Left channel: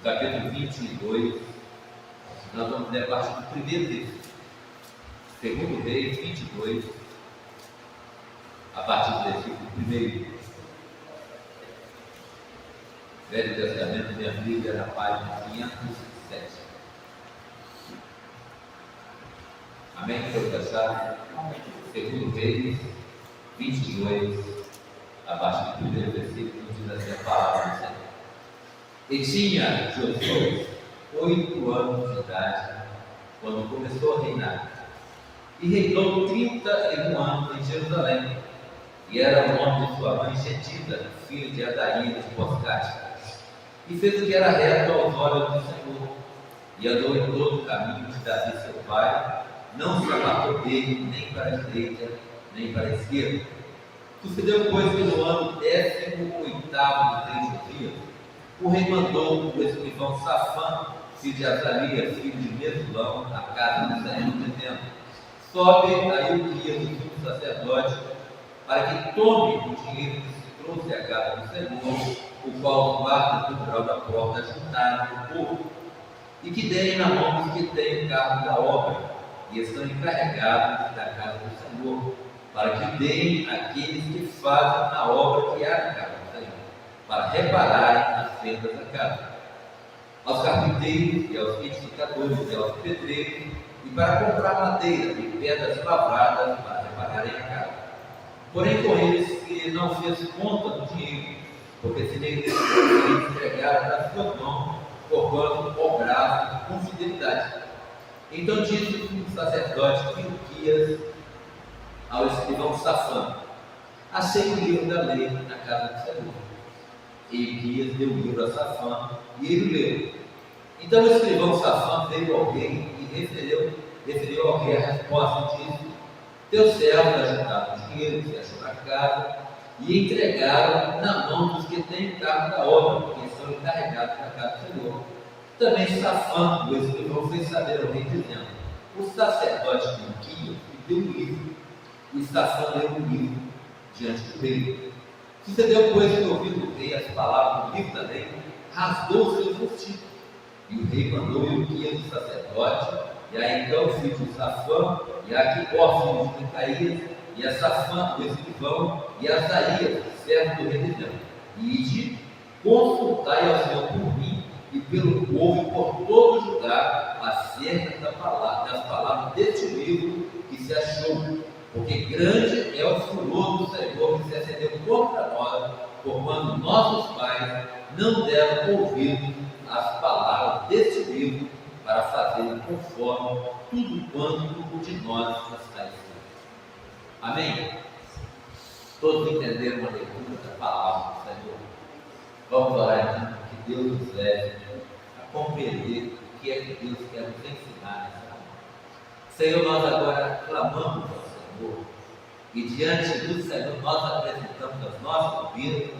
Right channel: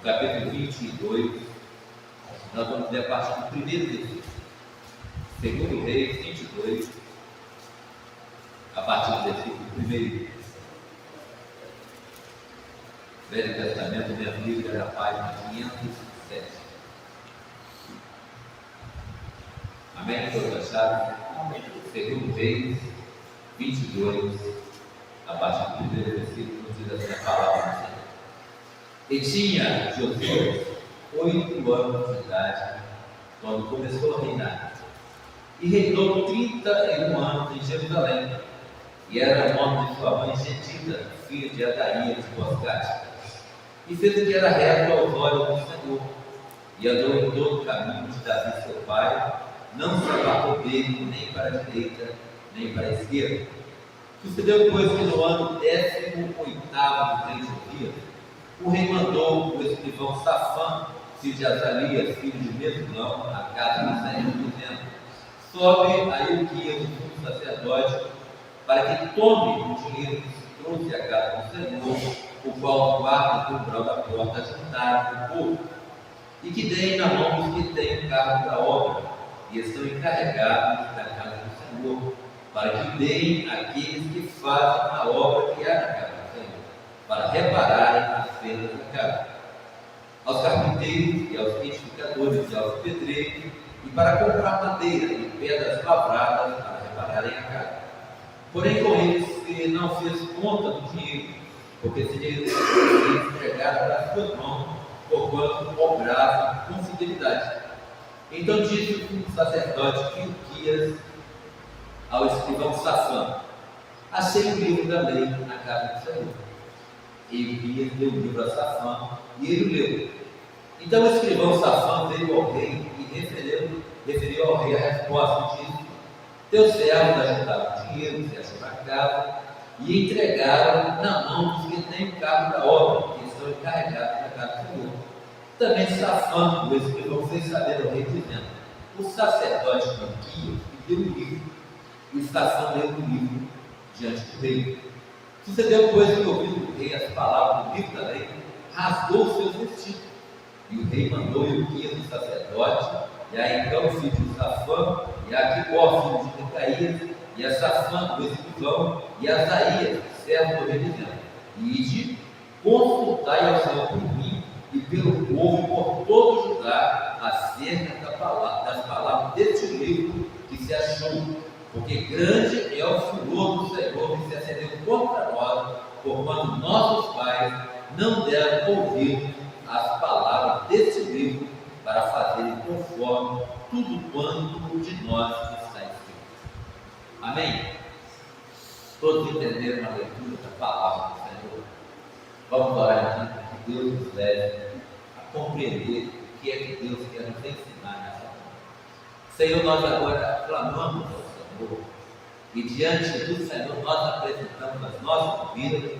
no capítulo 22, nós vamos ler a partir do primeiro versículo. Segundo Reis 22, a partir do versículo 1. Velho Testamento, minha Bíblia, na página 507. Amém? Todos acharam? Segundo Reis 22, a partir do primeiro versículo, diz assim a palavra do Senhor. E tinha Josias 8 anos de idade quando começou a reinar, e reinou 31 anos em Jerusalém, e era o nome de sua mãe Gedida, filha de Adaías de Boscate, e fez o que era reto aos olhos do Senhor, e andou em todo o caminho de Davi seu pai, não se apartou dele nem para a direita, nem para a esquerda. Sucedeu, pois, que no ano 18º do rei Josias, o rei mandou o escrivão Safã, filho de Azalias, filho de Mesulão, à casa do Senhor, dizendo: sobe a Ilquias, o sumo sacerdote, para que tome o dinheiro que se trouxe à casa do Senhor, o qual os guardas do umbral da porta juntaram do povo, e que deem na mão dos que têm o cargo da obra, e estão encarregados da casa do Senhor, para que deem àqueles que fazem a obra que há na casa do Senhor, para repararem as fendas da casa, aos carpinteiros e aos edificadores e aos pedreiros, e para comprar madeira e pedras lavradas para repararem a casa. Porém, com eles se não fez conta do dinheiro, porque se lhe entregaram das suas mãos, porquanto obravam com fidelidade. Então disse o sacerdote Ilquias ao escrivão Safã: achei o livro da lei na casa do Senhor. E Ilquias deu o livro a Safã, e ele o leu. Então o escrivão Safã veio ao rei e referiu ao rei a resposta, e disse: teus servos ajudaram o dinheiro que se achou na casa, e entregaram na mão dos que têm o cargo da obra, que estão encarregados da casa do Senhor. Também Safã, o escrivão, fez saber ao rei, dizendo: o sacerdote Ilquias me deu o livro, e Safã leu o livro diante do rei. Sucedeu, pois, que ouvindo o rei as palavras do livro da lei, rasgou os seus vestidos. E o rei mandou Ilquias, o sacerdote, e a então filho de Safã, e a Aquibor, filho de Micaías, e a Safã, o escrivão, e a Asaías, servo do rei, dizendo: ide, consultai ao Senhor por mim e pelo povo e por todo Judá acerca das palavras deste livro que se achou, porque grande é o furor do Senhor que se acendeu contra nós, porquanto nossos pais não deram ouvido às palavras deste livro, para fazerem conforme tudo quanto de nós está escrito. Amém? Todos entenderam a leitura da palavra do Senhor? Vamos orar então, que Deus nos leve a compreender o que é que Deus quer nos ensinar nessa hora. Senhor, nós agora clamamos ao Senhor, e diante do Senhor nós apresentamos as nossas vidas,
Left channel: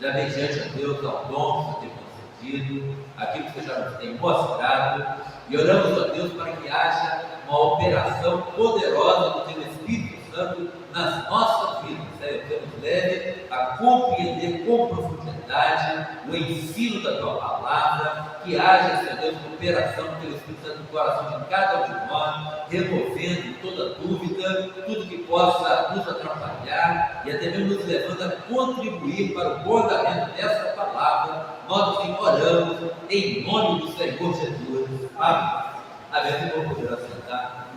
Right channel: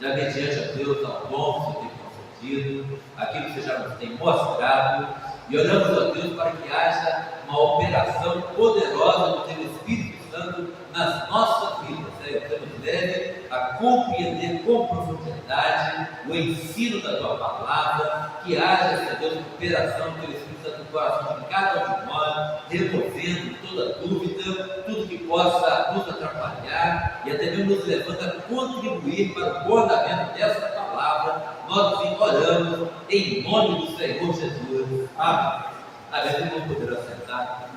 já mediante a Deus ao dom que o Senhor tem concedido, aquilo que você já nos tem mostrado, e oramos a Deus para que haja uma operação poderosa do Teu Espírito Santo nas nossas vidas, Senhor, que nos leve a compreender com profundidade o ensino da Tua Palavra, que haja, Senhor Deus, cooperação do Teu Espírito Santo no coração de cada um de nós, removendo toda dúvida, tudo que possa nos atrapalhar e até mesmo nos levando a contribuir para o bom andamento dessa palavra. Nós assim oramos em nome do Senhor Jesus. Amém. Amém. Vamos poder assentar.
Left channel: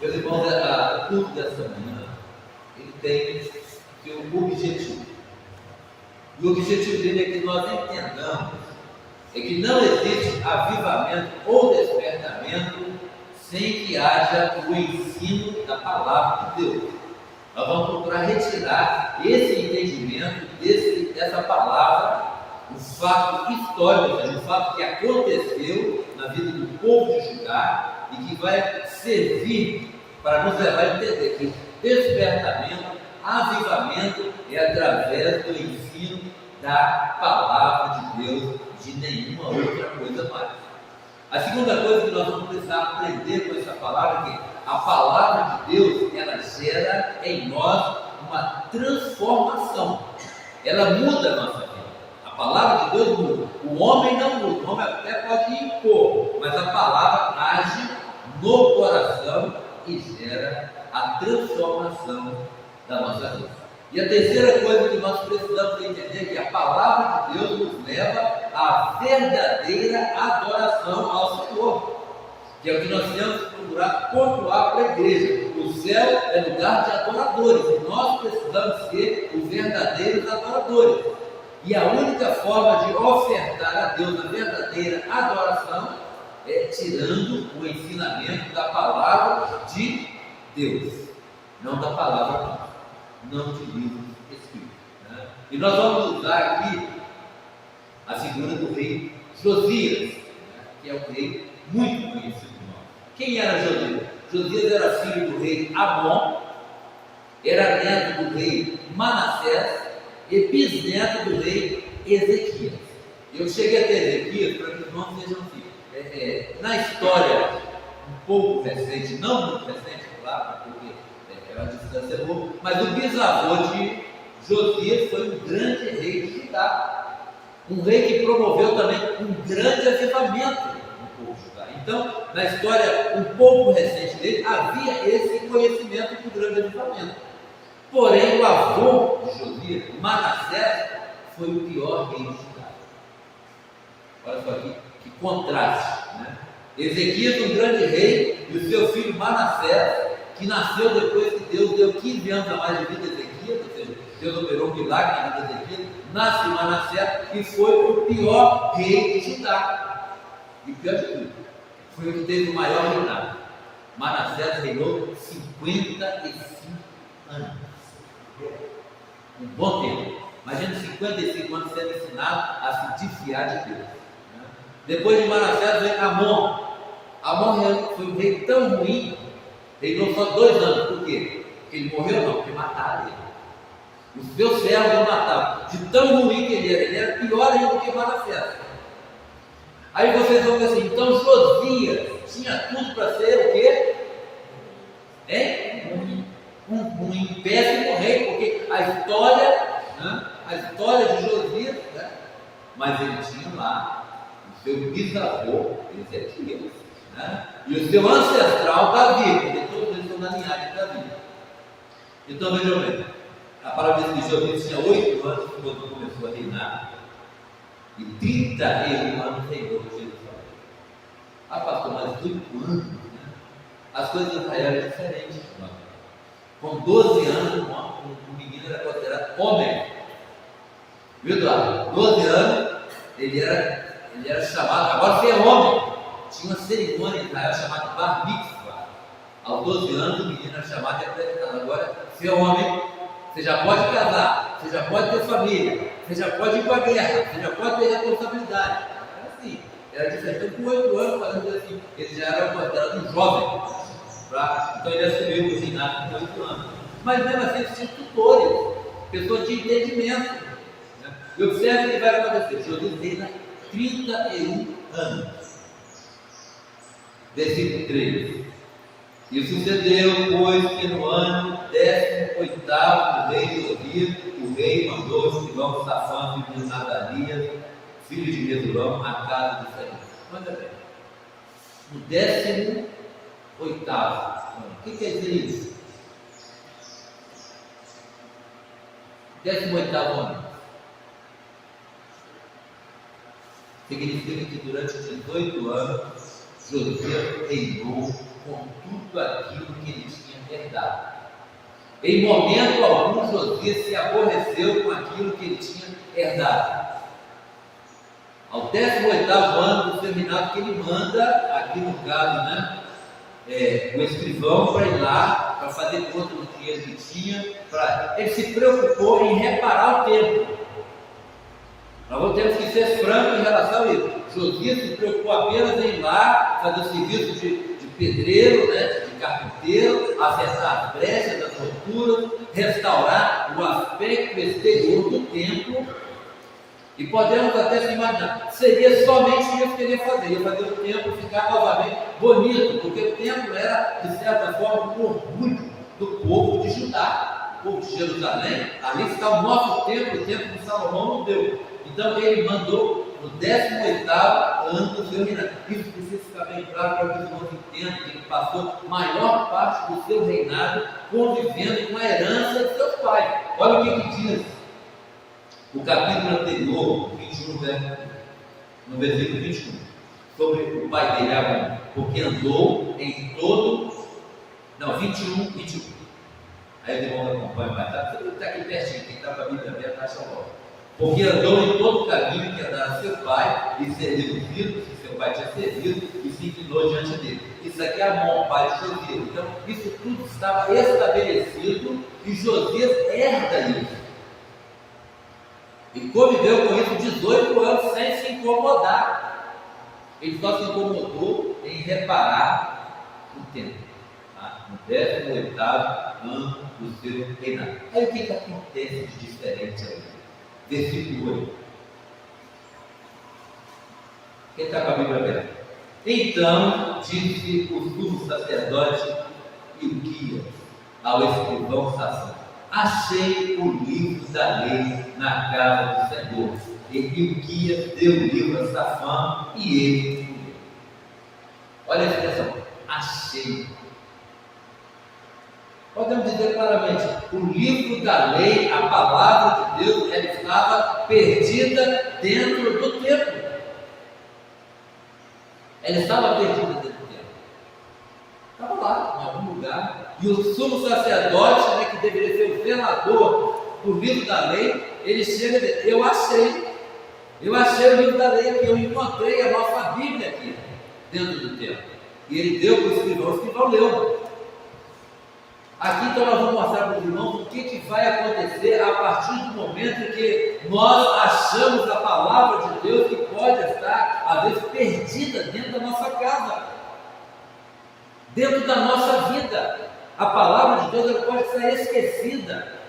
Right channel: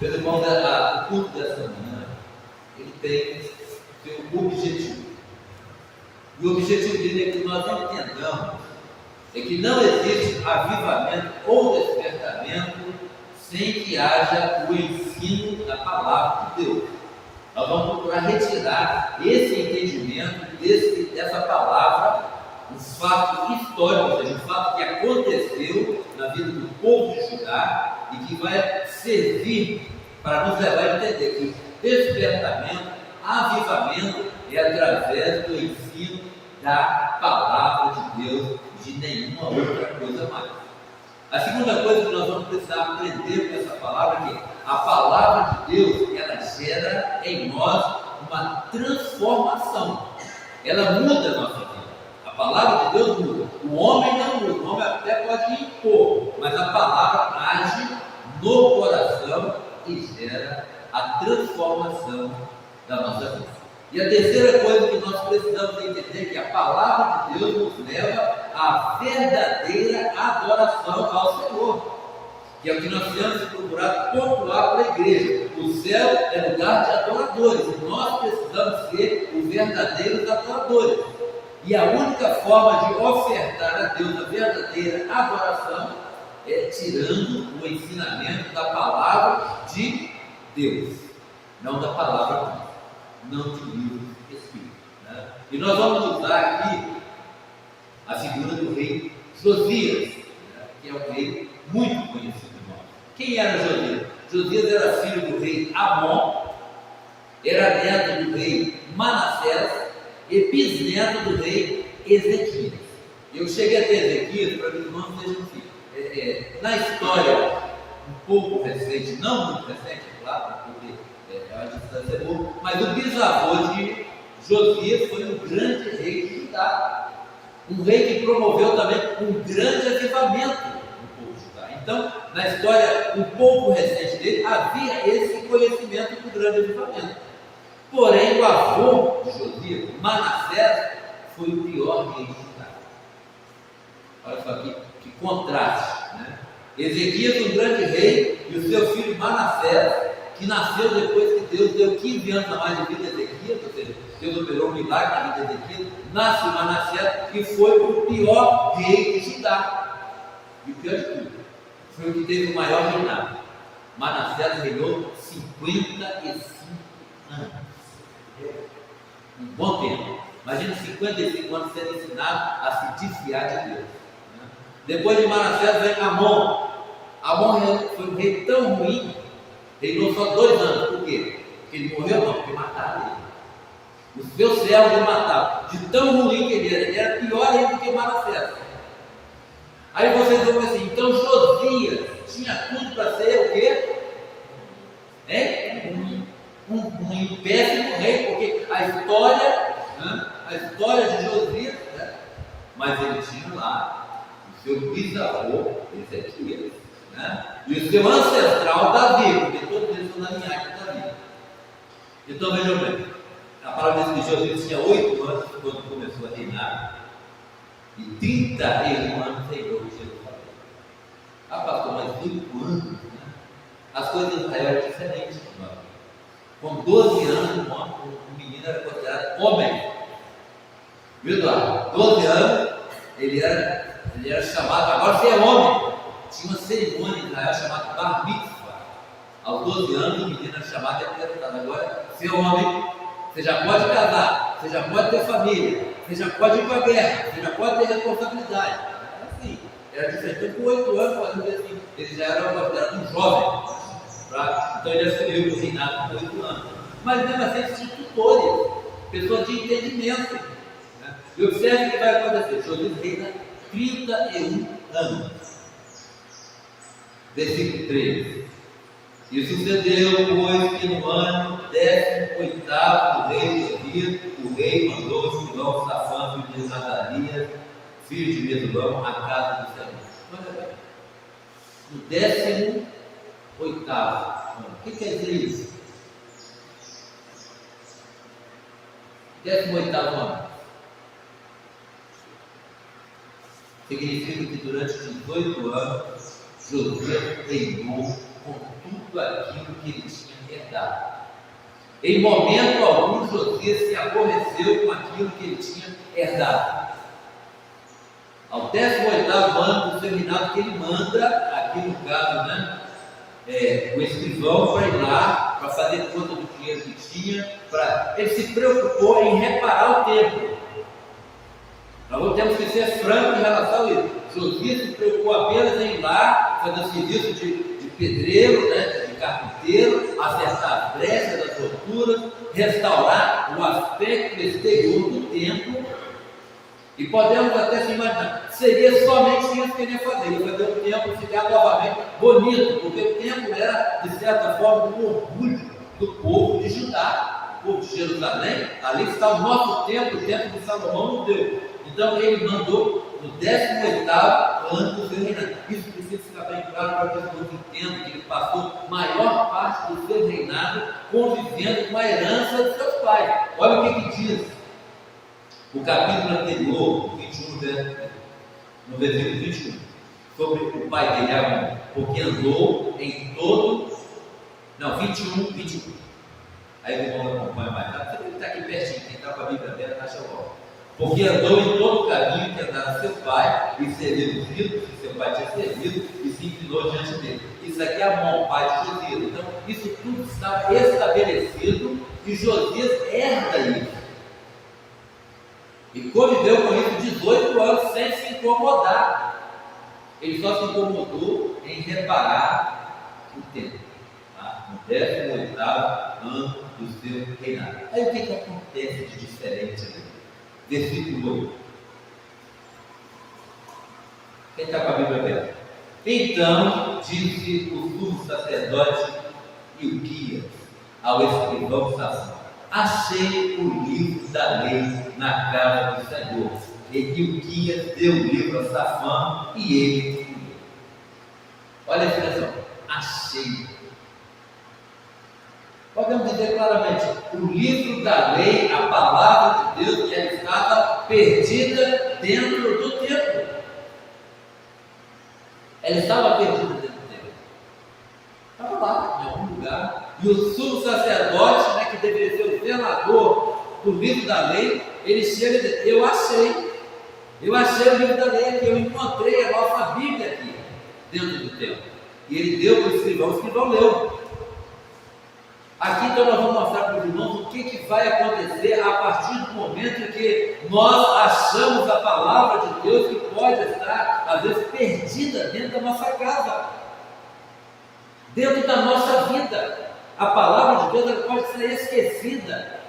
Meus irmãos, o culto dessa manhã, ele tem seu objetivo. E o objetivo dele é que nós entendamos que não existe avivamento ou despertamento sem que haja o ensino da palavra de Deus. Nós vamos procurar retirar esse entendimento dessa palavra, o fato histórico, ou seja, o fato que aconteceu na vida do povo de Judá e que vai servir para nos levar a entender que despertamento, avivamento é através do ensino da palavra de Deus e de nenhuma outra coisa mais. A segunda coisa que nós vamos precisar aprender com essa palavra é que a palavra de Deus, ela gera em nós uma transformação, ela muda a nossa vida. A palavra de Deus muda, o homem não muda, o homem até pode impor, mas a palavra age no coração e gera a transformação da nossa vida. E a terceira coisa que nós precisamos entender é que a palavra de Deus nos leva à verdadeira adoração ao Senhor, que é o que nós temos que procurar pontuar para a igreja. O céu é lugar de adoradores, e nós precisamos ser os verdadeiros adoradores. E a única forma de ofertar a Deus a verdadeira adoração é tirando o ensinamento da palavra de Deus, não da palavra humana, não de livros escritos, né? E nós vamos usar aqui a figura do rei Josias, né? Que é um rei muito conhecido por nós. Quem era Josias? Josias era filho do rei Amon, era neto do rei Manassés e bisneto do rei Ezequias. Eu cheguei até Ezequias para que os nomes sejam assim. Na história um pouco recente, não muito recente, claro, porque é uma distância boa, mas o bisavô de Josias foi um grande rei de Judá, um rei que promoveu também um grande avivamento no povo de Judá. Então, na história um pouco recente dele, havia esse conhecimento do grande avivamento. Porém, o avô de Josias, Manassés, foi o pior rei de Judá. Olha só que contraste, né? Ezequias, um grande rei, e o seu filho Manassés, que nasceu depois que Deus deu 15 anos a mais de vida a Ezequias, ou seja, Deus operou um milagre na vida de Ezequias, nasce Manassés, que foi o pior rei de Judá. E o pior de tudo, foi o que teve o maior reinado. Manassés reinou 55 anos. Um bom tempo. Imagina 55 anos sendo ensinado a se desfiar de Deus, né? Depois de Manassés vem Amon. Amon foi um rei tão ruim, reinou só 2 anos. Por quê? Porque ele morreu? Não, porque mataram ele. Os seus servos ele matava. De tão ruim que ele era pior ainda do que Manassés. Aí vocês vão ver assim, então Josias tinha tudo para ser o quê? Um péssimo rei, porque a história de Josias, né? Mas ele tinha lá o seu bisavô Ezequias, né? E o seu ancestral Davi, porque todos eles são da linhagem de Davi. Então vejam bem, a palavra diz que Josias tinha 8 anos quando começou a reinar, e 31 anos reinou em Jerusalém. Ah, pastor, mas 8 anos, né? As coisas de Israel eram diferentes, irmão. Com 12 anos, um menino era considerado homem. Viu, Eduardo? 12 anos, ele era chamado, agora você é homem. Tinha uma cerimônia em Israel chamada Bar Mitzvah. Aos 12 anos, o menino era chamado e apresentado. Agora, você é homem, você já pode casar, você já pode ter família, você já pode ir para a guerra, você já pode ter responsabilidade. Era assim, era diferente. Então, com 8 anos, podemos dizer assim, ele já era considerado um jovem. Então ele assumiu o reinado com 8 anos. Mas mesmo assim, eles tinham tutores, pessoas de entendimento, né? E observe o que vai acontecer. Josias reina 31 anos. Versículo 3. E sucedeu, pois, que no ano 18º do rei Josias, o rei mandou o escrivão Safã, filho de Nazarias, filho de Mesulam, à casa do Senhor. Olha bem, no 18º ano. O que quer dizer isso? 18º ano significa que durante 18 anos Josias reinou com tudo aquilo que ele tinha herdado. Em momento algum Josias se aborreceu com aquilo que ele tinha herdado. Ao 18º ano do seu reinado, que ele manda, aqui no caso, né, o escrivão para ir lá, para fazer conta do dinheiro que tinha, ele se preocupou em reparar o templo. Nós temos que ser francos em relação a isso. Josias se preocupou apenas em ir lá, fazer o serviço de pedreiro, né, de carpinteiro, acertar as brechas, as roturas, restaurar o aspecto exterior do templo. E podemos até se imaginar, seria somente isso que ele ia fazer o templo ficar novamente bonito, porque o templo era, de certa forma, um orgulho do povo de Judá, o povo de Jerusalém. Ali está o nosso templo, o templo de Salomão não deu. Então ele mandou no 18º ano do seu reinado. Isso precisa ficar bem claro para que os irmãos entendam que ele passou a maior parte do seu reinado convivendo com a herança de seus pais. Olha o que diz o capítulo anterior, 21, no versículo 21, sobre o pai dele, Amon, porque andou em todo... Não, 21. Aí os irmãos acompanham mais tarde. Você está aqui pertinho, quem está com a Bíblia aberta, acha logo. Porque andou em todo o caminho que andara seu pai, e serviu os ídolos que seu pai tinha servido, e se inclinou diante dele. Isso aqui é Amon, pai de Josias. Então, isso tudo estava estabelecido, e Josias herda isso. E conviveu com isso 18 anos sem se incomodar. Ele só se incomodou em reparar o templo, tá? No 18º ano do seu reinado. Aí o que acontece de diferente ali? Versículo 8. Quem está com a Bíblia aberta? Então disse o sumo sacerdote Ilquias ao escrivão Safã: achei o livro da lei na casa do Senhor. E Ilquias deu o livro a Safã e ele escolheu. Olha a expressão: achei. Podemos dizer claramente, o livro da lei, a palavra de Deus, ela estava perdida dentro do templo. Ela estava perdida dentro do templo. Estava lá, em algum lugar. E o sumo sacerdote, né, que deveria ser o zelador do livro da lei, ele chega e diz: eu achei o livro da lei aqui, eu encontrei a nossa Bíblia aqui, dentro do templo. E ele deu para o escrivão leu. Aqui então nós vamos mostrar para os irmãos o que vai acontecer a partir do momento que nós achamos a palavra de Deus, que pode estar às vezes perdida dentro da nossa casa, dentro da nossa vida. A palavra de Deus ela pode estar esquecida,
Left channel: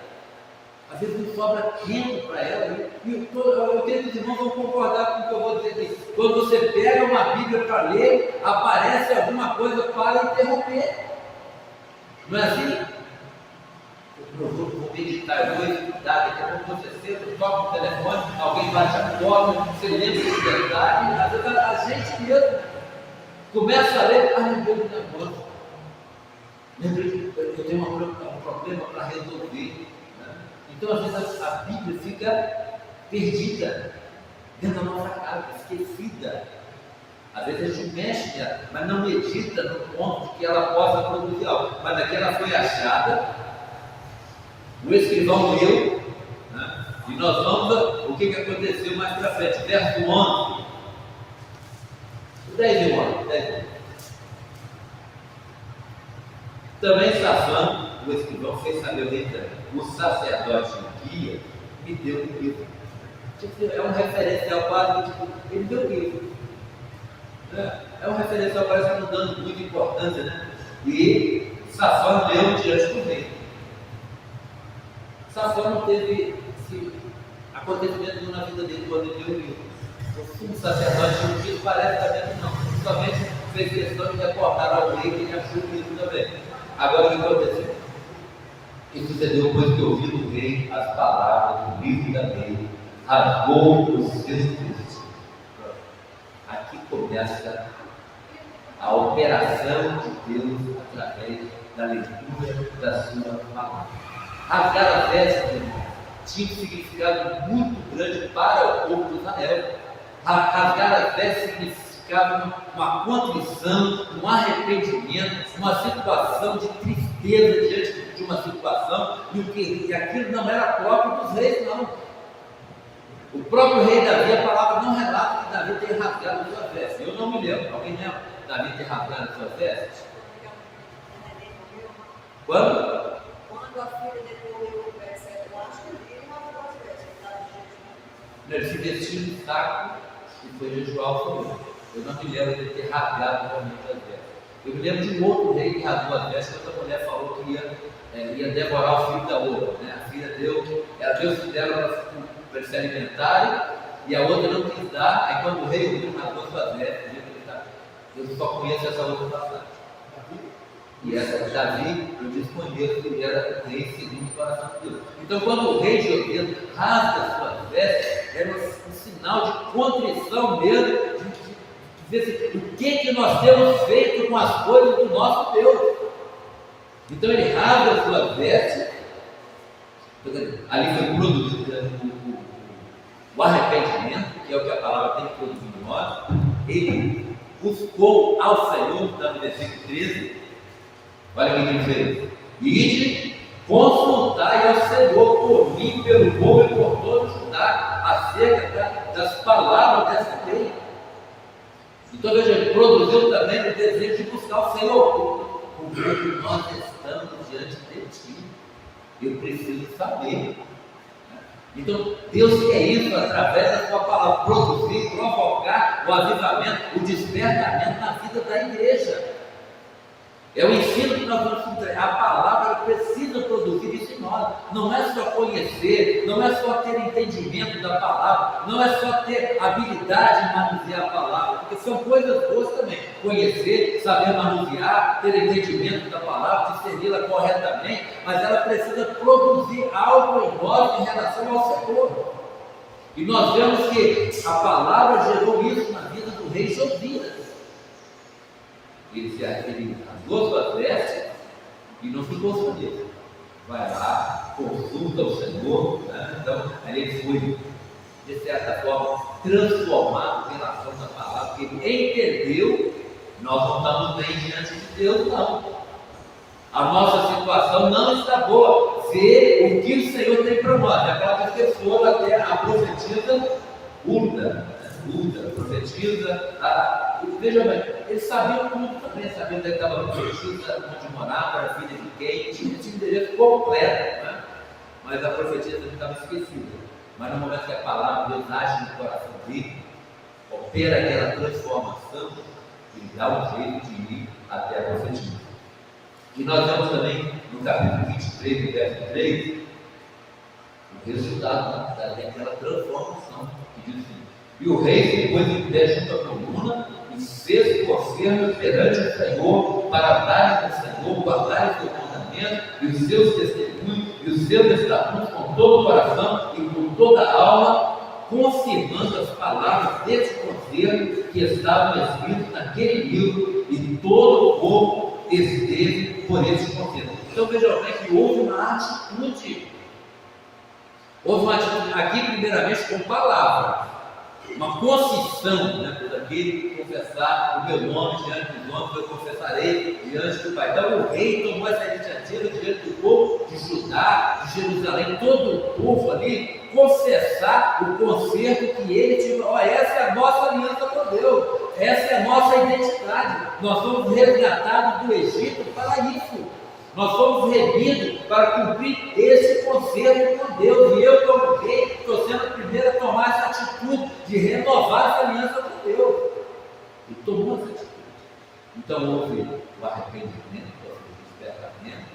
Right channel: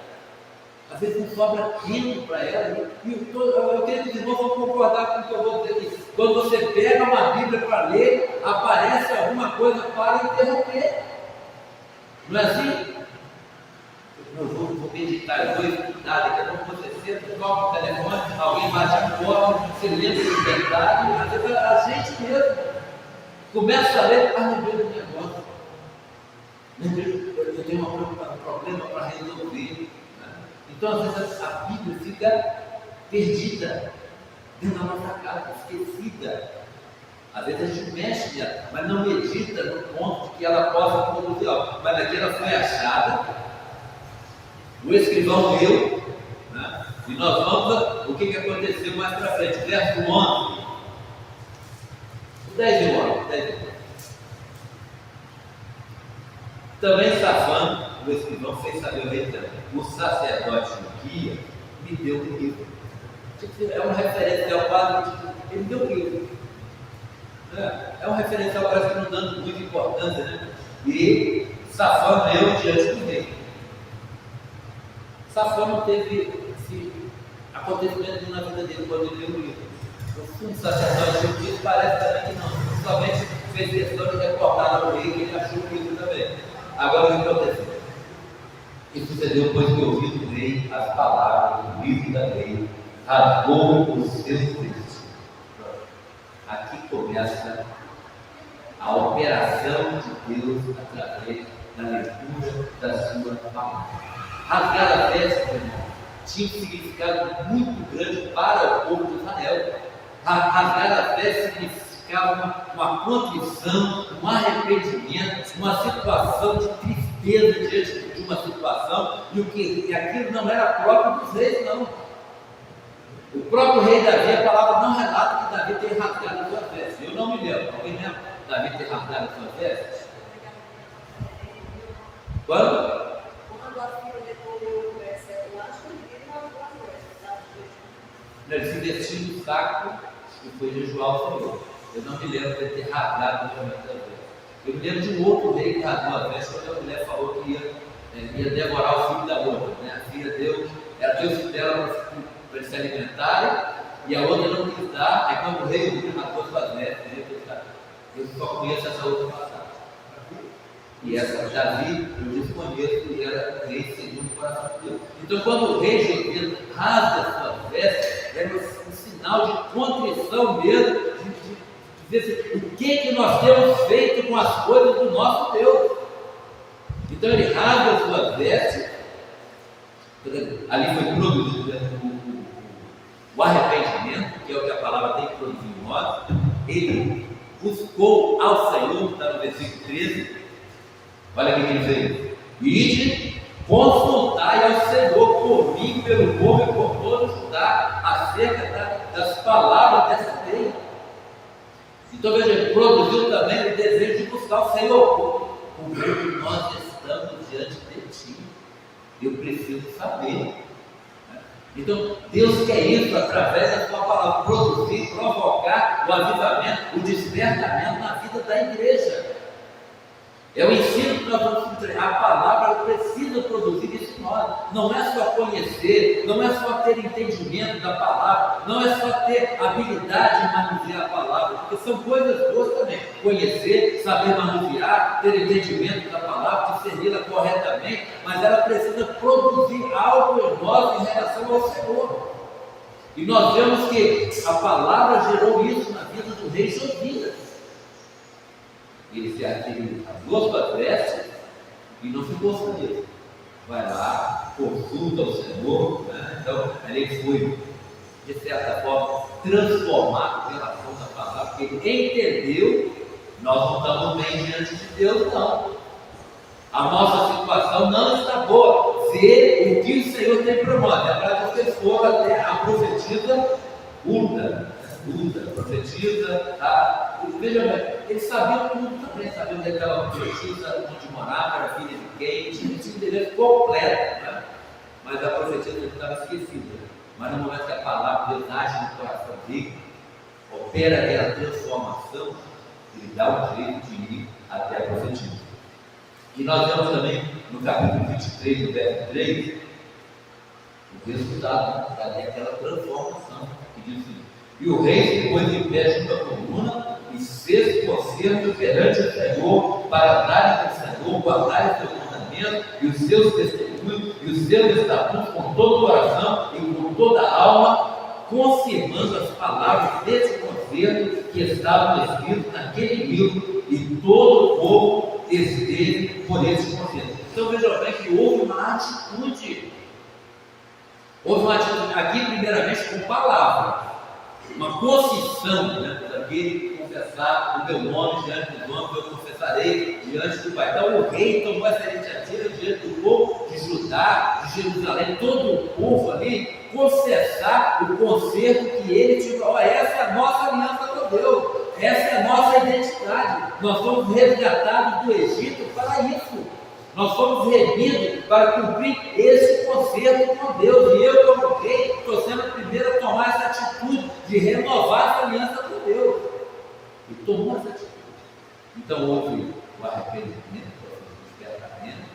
às vezes não sobra tempo para ela. Eu creio que os irmãos vão concordar com o que eu vou dizer aqui. Quando você pega uma Bíblia para ler, aparece alguma coisa para interromper. Não é assim? Eu vou meditar, eu vou estudar, daqui a pouco você senta, toca o telefone, alguém bate a porta, você lembra do detalhe, às vezes a gente mesmo começa a ler, lembrei do negócio, eu tenho um problema para resolver, né? Então às vezes a Bíblia fica perdida dentro da nossa casa, esquecida. Às vezes a gente mexe nela, mas não medita no ponto de que ela possa produzir algo. Mas aqui ela foi achada, o escrivão leu, né? E nós vamos ver o que aconteceu mais para frente. Verso 11. 10 e 11. Também Safã, o escrivão, fez saber o rei: o sacerdote Ilquias me deu um livro. É um referencial quase, ele deu um livro. É um referencial, parece que não dando muita importância, né? E Safã leu diante do rei. Safã não teve esse acontecimento na vida dele quando ele leu o livro. O sumo sacerdote Ilquias parece também que não. Somente fez questão de recordar ao rei que ele achou o livro também. Agora o que aconteceu? O que sucedeu depois que ouviu do rei as palavras do livro da lei, rasgou os seus textos. Aqui começa a operação de Deus através da leitura da sua palavra. Rasgar a veste, irmão, tinha um significado muito grande para o povo de Israel. Rasgar a veste significava uma contrição, um arrependimento, uma situação de tristeza diante de uma situação, e aquilo não era próprio dos reis, não. O próprio rei Davi, a palavra não relata que Davi tenha rasgado as suas vestes. Eu não me lembro. Alguém lembra Davi ter rasgado as suas vestes? Quando? Quando a filha decorreu o versículo, eu acho que ele rasgou as vestes, sabe? Ele se vestiu de saco e foi jejuar ao Senhor. Eu não me lembro de ter rasgado realmente as vestes. Eu me lembro de um outro rei que rasgou as vestes quando a mulher falou que ia devorar o filho da outra, né? A filha ela deu o filho dela para eles se alimentarem, e a outra não quis dar. Aí quando o rei ouviu, rasgou suas vestes, eu só conheço essa outra passagem. E essa Davi, eu desconheço que era rei segundo o coração de Deus. Então quando o rei Josias rasga suas vestes, era um sinal de contrição mesmo, de dizer assim, o que nós temos feito com as coisas do nosso Deus. Então ele rasga as suas vestes, ali foi produzido o arrependimento, que é o que a palavra tem que produzir em nós. Ele buscou ao Senhor, está no versículo 13, olha o que ele fez: ide, consultai ao Senhor por mim, pelo povo e por todo Judá, acerca das palavras dessa lei. Então veja, ele produziu também o desejo de buscar o Senhor, porque nós estamos diante de ti, eu preciso saber. Então Deus quer isso através da sua palavra, produzir, provocar o avivamento, o despertamento na vida da igreja. É o ensino que nós vamos entregar. A palavra precisa produzir isso em nós. Não é só conhecer, não é só ter entendimento da palavra, não é só ter habilidade em manusear a palavra, porque são coisas boas também. Conhecer, saber manusear, ter entendimento da palavra, discerni-la corretamente, mas ela precisa produzir algo em nós em relação ao Senhor. E nós vemos que a palavra gerou isso na vida do rei Josias. Ele rasgou suas vestes e não ficou só nisso. Vai lá, consulta o Senhor, né? Então, ali ele foi, de certa forma, transformado em relação da palavra, porque ele entendeu, nós não estamos bem diante de Deus, não. A nossa situação não está boa. Vê o que o Senhor tem para nós. E a palavra que eles foram até a profetisa Hulda, profetiza, veja bem, eles sabiam tudo também, sabiam onde estava a profetisa, onde morava, era filha de quem, tinha o endereço completo, né? Mas a profetisa não estava esquecida. Mas no momento que a palavra de Deus age no coração dele, opera aquela transformação, ele dá um jeito de ir até a profetisa. E nós vemos também no capítulo 23, no verso 3, o resultado daquela transformação, que diz assim: e o rei se pôs em pé junto à coluna e fez concerto perante o Senhor, para darem ao Senhor, guardarem os seus mandamentos e os seus testemunhos e os seus estatutos com todo o coração e com toda a alma, confirmando as palavras desse concerto que estavam escritas naquele livro, e todo o povo esteve por esse concerto. Então vejam bem que houve uma atitude. Houve uma atitude aqui, primeiramente, com palavra, uma confissão, né, daquele confessar o meu nome diante dos homens, eu confessarei diante do Pai. Então o rei tomou essa iniciativa diante do povo de Judá, de Jerusalém, todo o povo ali, confessar o concerto que ele tinha. Essa é a nossa aliança com Deus, essa é a nossa identidade. Nós fomos resgatados do Egito para isso. Nós fomos remidos para cumprir esse concerto com Deus. E eu, como rei, estou sendo o primeiro a tomar essa atitude de renovar essa aliança com Deus. E tomou essa atitude. Então houve o arrependimento, o despertamento,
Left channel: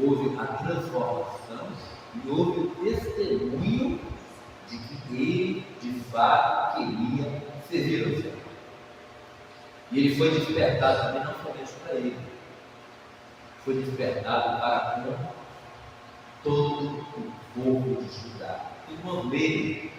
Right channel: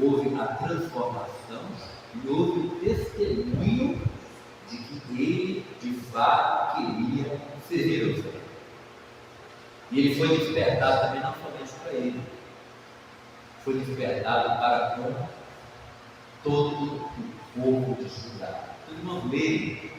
houve a transformação e houve o testemunho de que ele, de fato, queria servir ao Senhor. E ele foi despertado também não somente para ele, foi despertado para com todo o povo de Judá. Vamos ver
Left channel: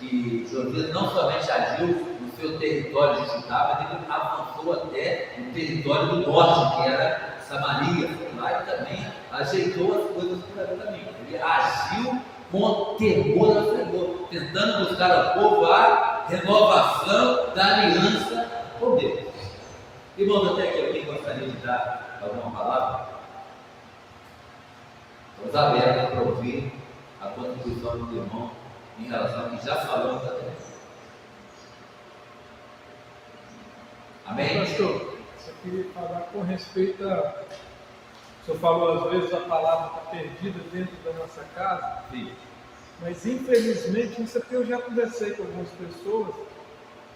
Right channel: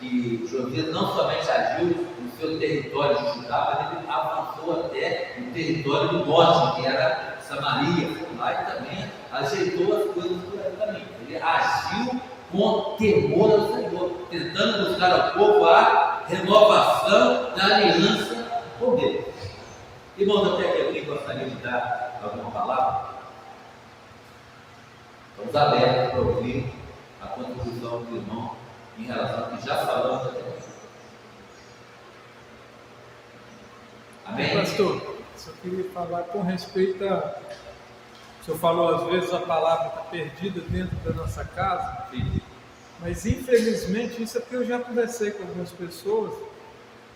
que Josias não somente agiu no seu território de Judá, mas ele avançou até o território do norte, que era Samaria, lá, e também ajeitou as coisas por ali também. Ele agiu com temor ao Senhor, tentando buscar ao povo a renovação da aliança com Deus. Irmãos, até que alguém gostaria de dar alguma palavra? Estamos abertos para ouvir a contribuição do irmão em relação ao que já falamos até aqui. Amém? Pastor, só queria falar com respeito a... O senhor falou, às vezes a palavra está perdida dentro da nossa casa. Sim. Mas infelizmente, isso é porque eu já conversei com algumas pessoas.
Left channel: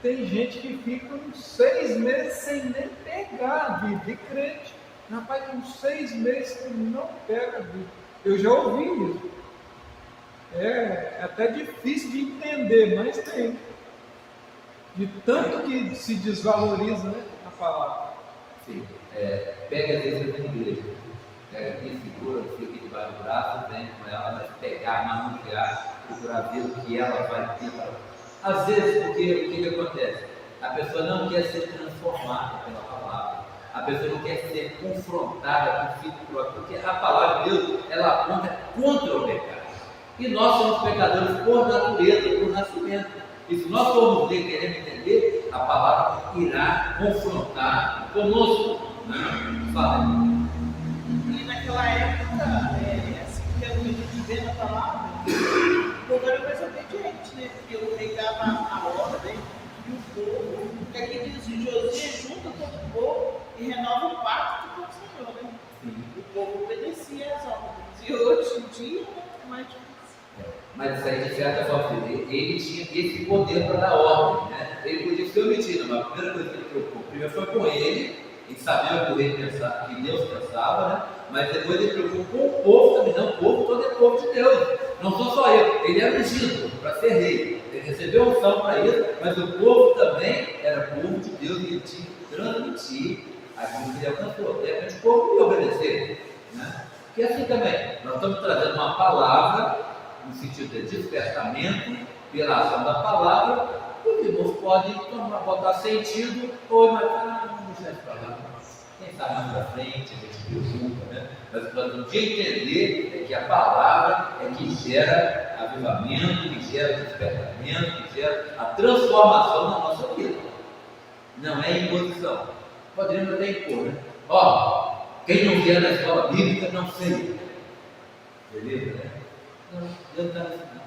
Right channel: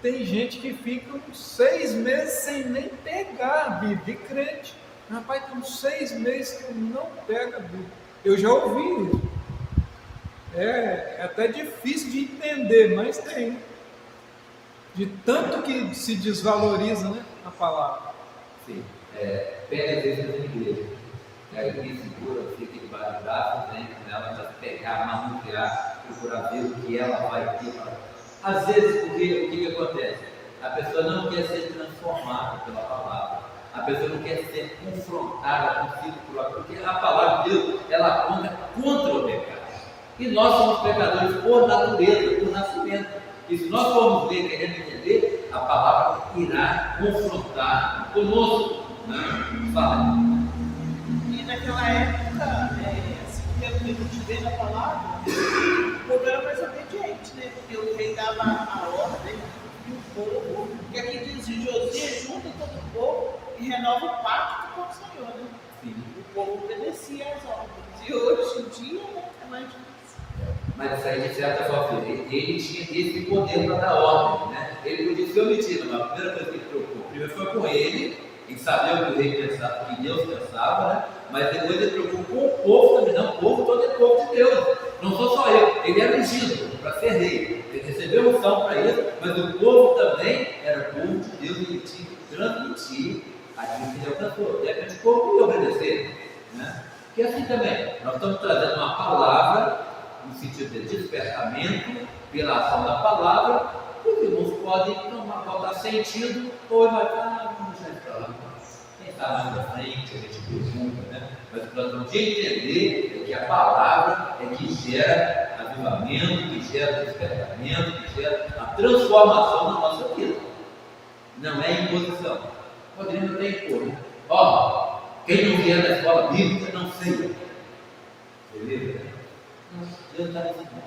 Tem gente que fica uns 6 meses sem nem pegar a Bíblia, e crente. Rapaz, tem uns 6 meses que não pega a Bíblia. Eu já ouvi isso. É até difícil de entender, mas tem. De tanto que se desvaloriza, né, a palavra. Sim. Pega às vezes na igreja. Pega aqui, segura, fica debaixo do braço, vem com ela, mas pegar, manusear procurar ver o que ela vai ter para. Às vezes, porque o que acontece? A pessoa não quer ser transformada pela palavra, a pessoa não quer ser confrontada consigo próprio, porque a palavra de Deus, ela aponta contra o pecado. E nós somos pecadores por natureza, por nascimento. E se nós formos ler, querendo entender, a palavra irá confrontar conosco. Né? Fala. E naquela época, assim, pelo que a gente vê na palavra, o povo era mais obediente, né? Porque o rei dava a ordem e o povo, que aqui diz, Josias junta todo o povo e renova o pacto com o Senhor, né? Sim. O povo obedecia às ordens. E hoje em dia, né, é mais difícil. Mas isso aí, de certa forma, ele tinha esse poder para dar ordem, né? Ele podia ser omitido, mas a primeira coisa que ele preocupou, primeiro foi com ele sabia o que o rei pensava, que Deus pensava, né? Mas depois ele preocupou com o povo também, não, o povo todo é povo de Deus, não sou só eu, ele era ungido para ser rei, ele recebeu unção para isso, mas o povo também era povo de Deus e ele tinha que transmitir aquilo que ele alcançou. De repente o povo ia obedecer, né? Porque assim também, nós estamos trazendo uma palavra no sentido de despertamento pela ação da palavra, os irmãos podem botar sentido ou imaginar, vamos deixar isso para lá, quem está mais para frente, a gente preocupa, né? Mas o que nós temos que entender é que a palavra é que gera avivamento, que gera despertamento, que gera a transformação na nossa vida, não é imposição. Poderíamos até impor, né? Ó, quem não vier na escola bíblica não sei, beleza, né? Não, Deus não está nisso não.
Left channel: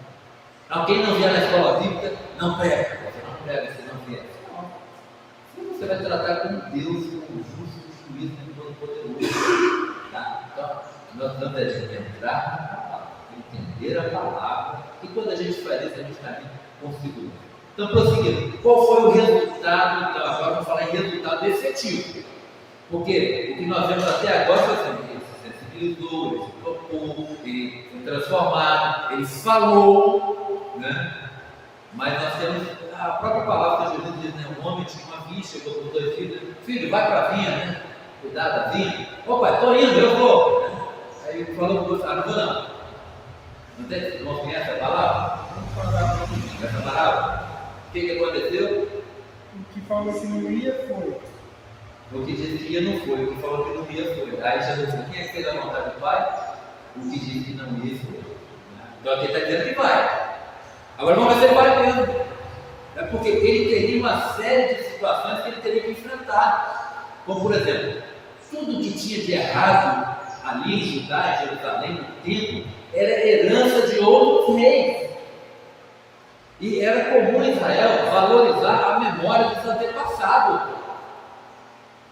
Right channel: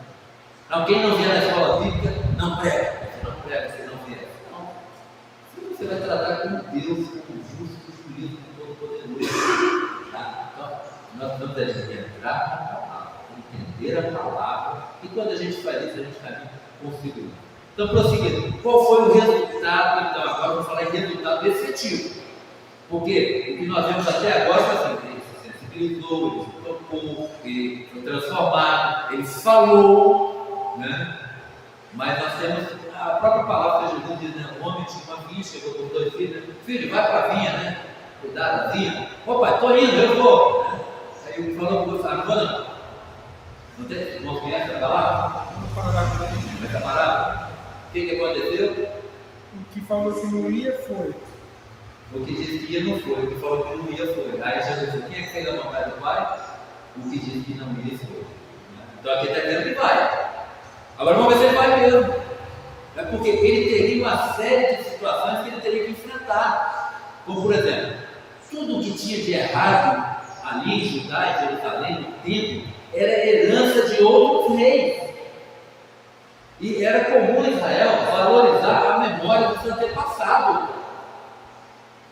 Não, quem não vier na escola bíblica não prega. Você não prega se não vier. Não. Você vai tratar com Deus, com o justo juízo de todo poderoso. Tá? Então, nós vamos entrar na palavra, entender a palavra, e quando a gente faz isso, a gente caminha com segurança. Então, prosseguindo, qual foi o resultado? Então, agora vamos falar em resultado efetivo. Porque o que nós vemos até agora foi assim, ele se sensibilizou, ele se tocou, ele foi transformado, ele falou, né? Mas nós temos a própria palavra que Jesus diz, né? Um homem tinha uma vinha, chegou com 2 filhos, filho, vai para a vinha, né? Cuidado da vinha. Ô pai, estou indo, eu vou. Né? Aí ele falou com você, não vou não. Não tem? Irmãos, conhece a palavra? Essa palavra? O que aconteceu? O que falou que não ia foi. O que disse que ia não foi, o que falou que não ia foi. Aí Jesus disse, quem é que fez a vontade do Pai? O que disse que não ia foi. Então aqui está dizendo que vai. Agora vamos ver se ele vai mesmo. É porque ele teria uma série de situações que ele teria que enfrentar. Como por exemplo, tudo que tinha de errado ali em Judá, em Jerusalém, no templo, era herança de outros reis. E era comum em Israel valorizar a memória dos antepassados.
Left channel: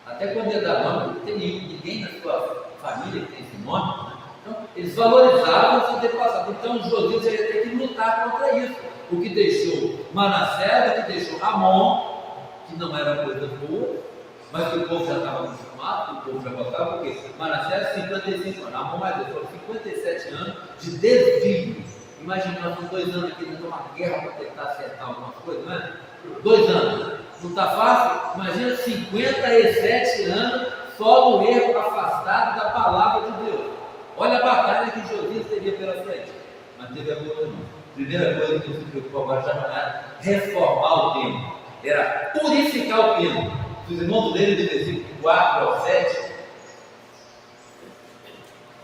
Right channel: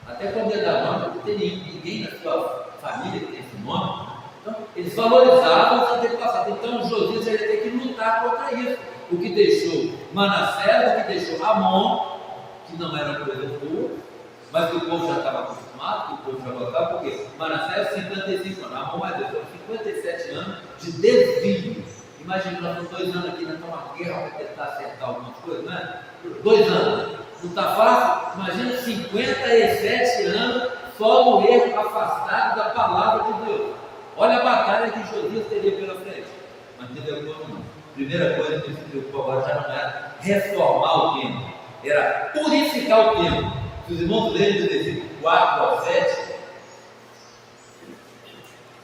Até quando ele dá nome, não tem ninguém na sua família que tem esse nome. Né? Então, eles valorizavam os antepassados. Então, Josias ia ter que lutar contra isso. O que deixou Manassés, o que deixou Amon, que não era coisa boa, mas que o povo já estava acostumado, que o povo já gostava, porque Manassés, 55 anos, Amon mais foram 57 anos de desvio. Imagina, nós estamos 2 anos aqui, nós estamos uma guerra para tentar acertar algumas coisas, não é? 2 anos. Não está fácil? Imagina 57 anos só no erro, afastado da palavra de Deus. Olha a batalha que Josias teria pela frente. Mas teve a coisa não. Primeira coisa que ele se preocupou agora já não era reformar o templo, era purificar o templo. Se os irmãos lerem do versículo 4 ao 7,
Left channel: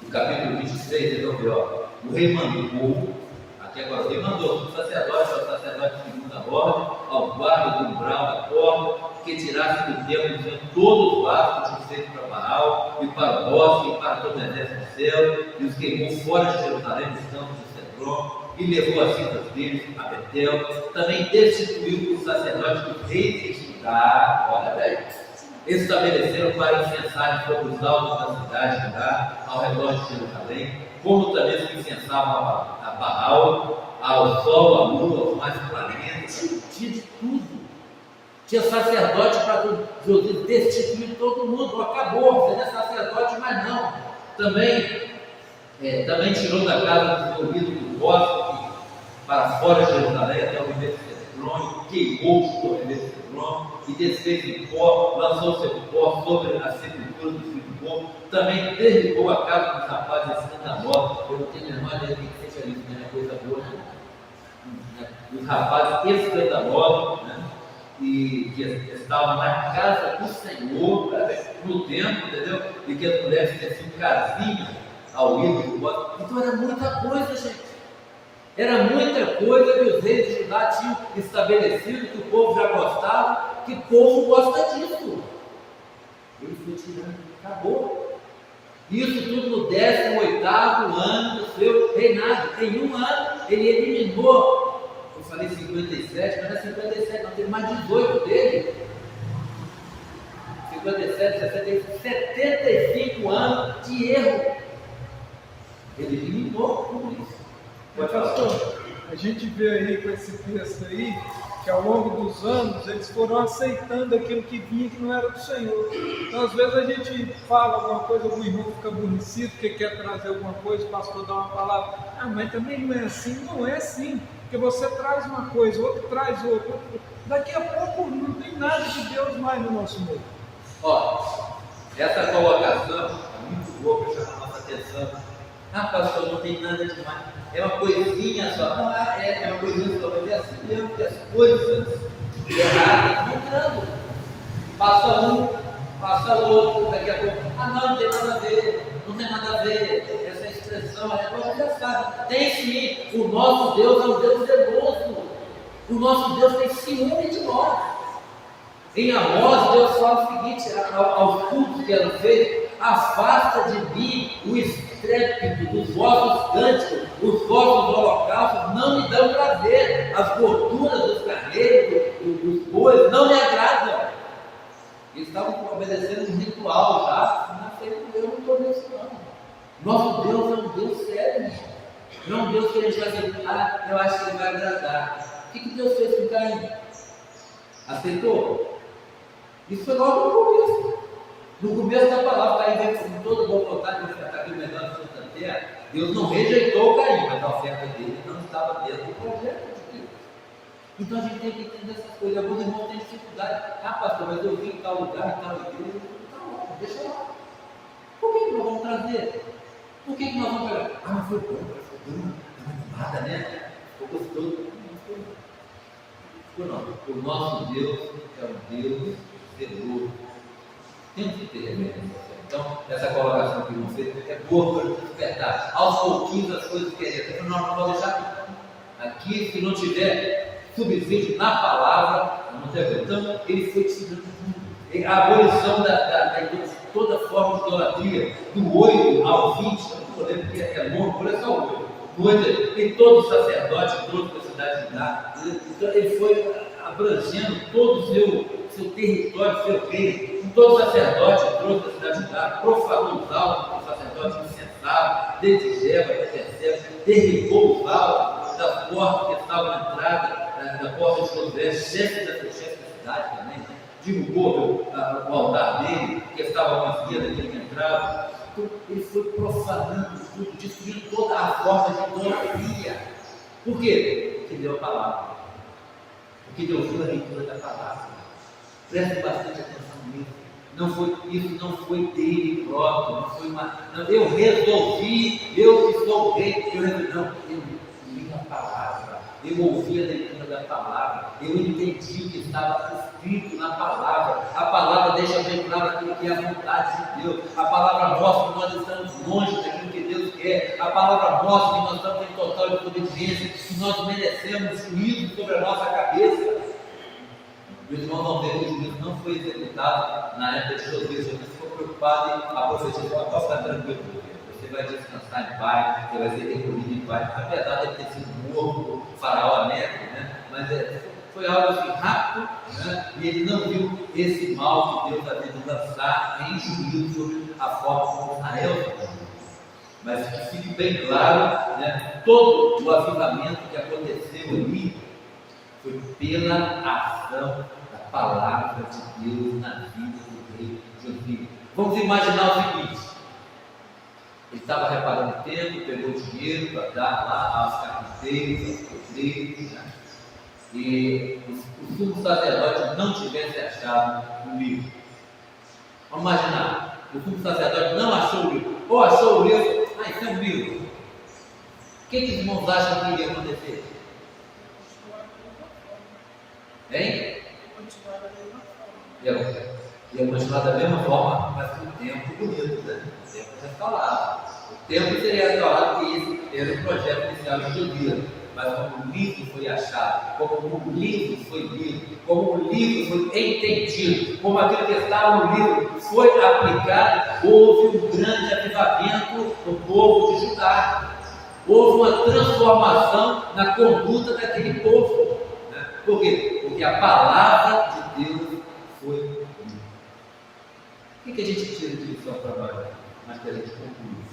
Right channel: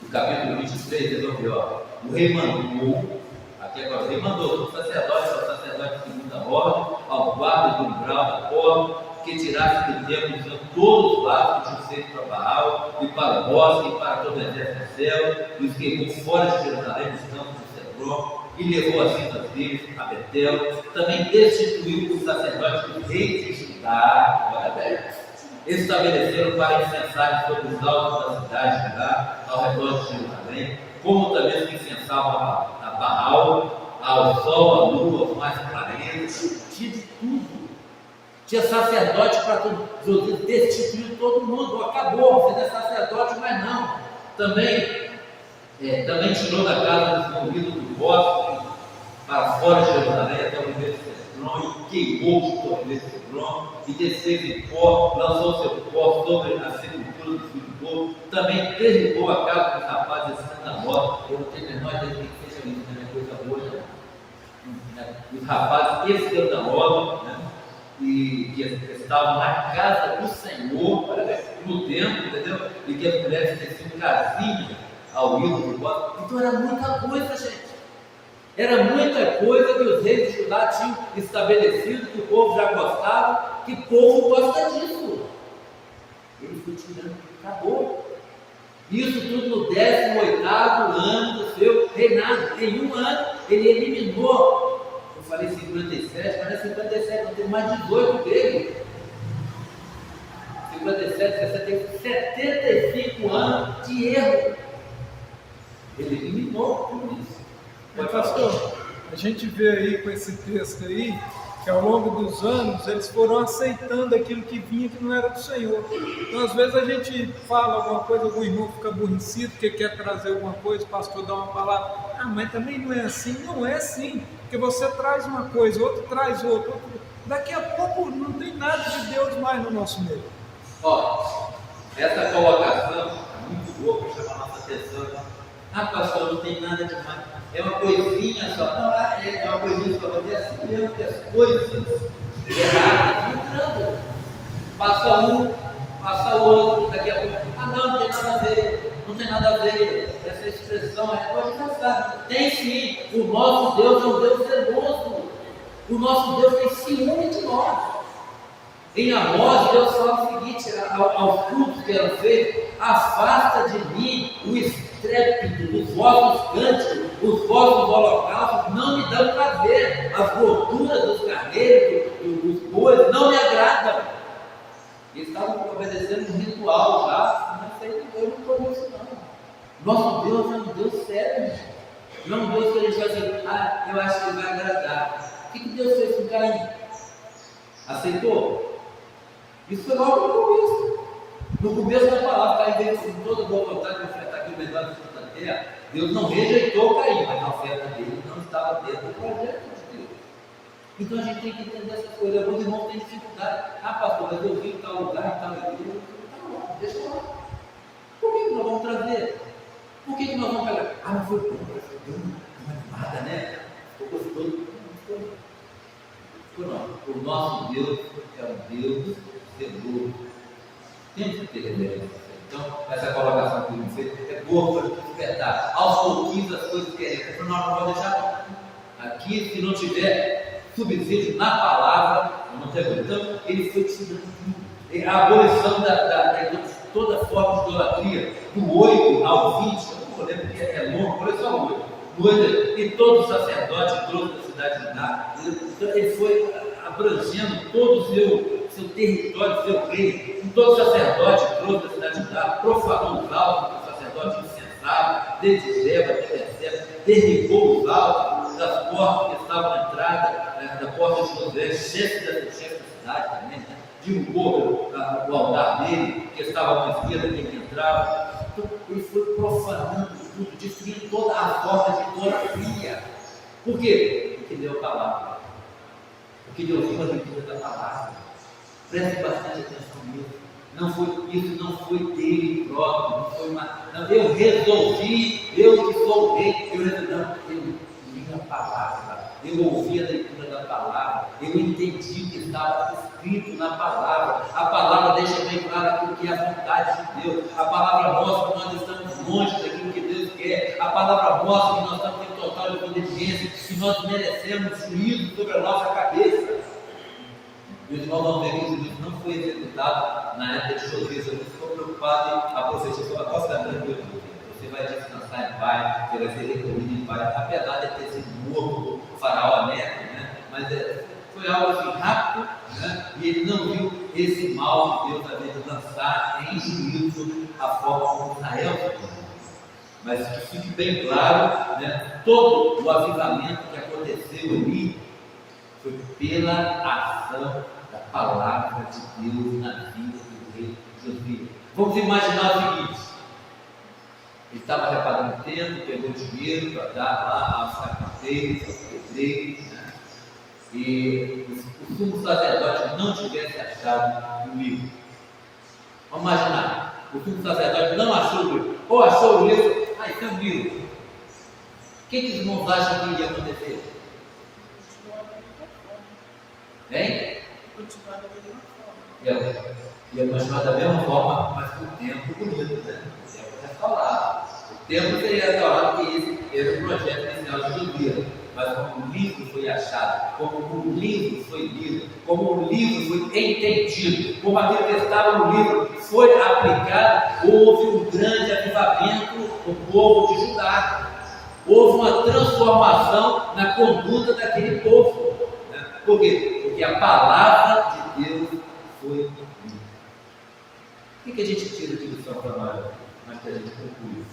no capítulo 23, eles vão ver, ó, o rei mandou, aqui agora, o rei mandou o sacerdote, ao sacerdote de segunda ordem, ao guarda do umbral da porta, que tirasse do templo todos os vasos que tinham feito para Baal, e para o bosque, e para todo o exército do céu, e os queimou fora de Jerusalém, nos campos de Cedron, e levou as cinzas deles a Betel. Também destituiu os sacerdotes dos reis de Judá, olha bem, estabeleceram para incensarem sobre os altos da cidade de Judá, ao redor de Jerusalém, como também os que incensavam a Baal, ao sol, à lua, aos mais planetas, tinha de tudo. Tinha sacerdote para tudo. Josias destituiu todo mundo, acabou, você não é sacerdote, mas não. Também tirou da casa do desenvolvido do bosque para fora de Jerusalém, até o ribeiro de Cedron, e queimou todo o ribeiro de Cedron, e desfez em pó, lançou seu pó sobre a sepultura do filho do povo. Também derribou a casa dos rapazes escandalosos. Eu não tenho a menor ideia de que seja isso, não é coisa boa, não. os rapazes escandalosos, né? E que estavam na casa do Senhor, olha bem, no templo, entendeu? E que as mulheres teciam casinhas ao ídolo do bode. Então era muita coisa, gente. Era muita coisa que os reis de Judá tinham estabelecido, que o povo já gostava, que o povo gosta disso. Ele foi tirando, acabou. Isso tudo no 18º ano do seu reinado. Em um ano, ele eliminou, eu falei 57, mas não é 57, não, teve mais 18 dele. 57, 75 anos de erro. Ele eliminou tudo isso. Mas, pastor, a gente vê aí com esse texto aí, que ao longo dos anos eles foram aceitando aquilo que vinha que não era do Senhor. Então, às vezes a gente fala alguma coisa, algum irmão fica aborrecido, porque quer trazer alguma coisa, o pastor dá uma palavra. Ah, mas também não é assim. Não é assim, porque você traz uma coisa, outro traz outra. Daqui a pouco não tem nada de Deus mais no nosso meio. Ó, essa colocação é muito boa para chamar a nossa atenção. Ah, pastor, não tem nada demais. É uma coisinha só. Não, é uma coisinha só. Mas é assim mesmo que as coisas erradas vão entrando. Passa um, passa o outro, daqui a pouco. Ah, não tem nada a ver. Não tem nada a ver. Essa expressão é agora já sabe. Tem sim. O nosso Deus é um Deus zeloso. O nosso Deus tem ciúme de nós. Em Amós, Deus fala o seguinte aos cultos que eram feitos: afasta de mim o estrépito dos vossos cânticos, os vossos holocaustos não me dão prazer, as gorduras dos carneiros, dos bois, não me agradam. Eles estavam obedecendo um ritual já, eu não estou nisso não. Nosso Deus é um Deus sério, não é um Deus que a gente vai dizer, ah, eu acho que ele vai agradar. O que Deus fez com Caim? Aceitou? Isso foi logo no começo. No começo da palavra, Caim veio com toda boa vontade de ofertar aqui o melhor do fruto da terra. Deus não rejeitou Caim, mas a oferta dele não estava dentro do projeto de Deus. Então a gente tem que entender essas coisas. Alguns irmãos têm dificuldade. Ah, pastor, mas eu vi em tal lugar, em tal igreja. Tá bom, deixa lá. Por que nós vamos trazer? Por que nós vamos pegar? Ah, mas foi bom, deu uma animada, né? Ficou gostoso. Não. O nosso Deus é um Deus zeloso. Temos que ter reverência. Então, essa colocação que ele fez é boa para despertar. Aos pouquinhos as coisas querem. Não vou deixar aqui, se não tiver subsídio na palavra, não tem coisa. Então, ele foi tirando tudo. A abolição de toda forma de idolatria, do 8 ao 20, eu não lembro que é longo, por isso é o 8. E todo sacerdote trouxe da cidade de Judá. Então, ele foi abrangendo todo o seu território, seu reino. Todo sacerdote trouxe da cidade de Judá, profanou os altos, o sacerdote incensava, desde Geba até Berseba, derribou os altos das portas que estavam na entrada da porta de Josué, chefe da cidade também, né? Derrubou o altar dele, que estava à esquerda, que ele entrava. Então, ele foi profanando tudo, destruindo toda a forma de idolatria. Por quê? Porque deu a palavra. Porque deu viva a leitura da palavra. Preste bastante atenção nisso. Isso não foi dele próprio, não foi uma. Não, eu resolvi, eu que sou o rei, eu li a palavra, eu ouvi a leitura da palavra, eu entendi o que estava escrito na palavra. A palavra deixa bem claro aquilo que é a vontade de Deus. A palavra mostra que nós estamos longe daquilo que Deus quer. A palavra mostra que nós estamos em total desobediência, que nós merecemos juízo sobre a nossa cabeça. Meus irmãos vão ver que o juízo não foi executado na época de Josias. Josias ficou preocupado e a profetizou: pode ficar tranquilo, você vai descansar em paz, você vai ser recolhido em paz. Apesar de ter sido morto o faraó Neco, né? Mas foi algo assim rápido, né? E ele não viu esse mal que Deus havia de lançar em juízo sobre a forma como Israel se comportou. Mas que fique bem claro, né? Todo o avivamento que aconteceu ali foi pela ação da palavra de Deus na vida do rei Josias. Vamos imaginar o seguinte: ele estava reparando o tempo, pegou dinheiro para dar lá aos carpinteiros, aos pedreiros, né? E o sumo sacerdote não tivesse achado o livro. Vamos imaginar, o sumo sacerdote não achou o livro, ou achou o livro, isso é um livro. O que os irmãos acham que iria acontecer? Hein? Continuar da mesma forma. Ia continuar da mesma forma, mas com o tempo bonito, né? O tempo restaurado. O tempo seria restaurado, porque esse era o projeto inicial de Josias. Mas como o livro foi achado, como o livro foi lido, como o livro foi entendido, como aquilo que estava no livro foi aplicado, houve um grande avivamento no povo de Judá. Houve uma transformação na conduta daquele povo. Né? Por quê? Porque a palavra de Deus foi lida. O que a gente tira de lição para nós? Mas que a gente conclui.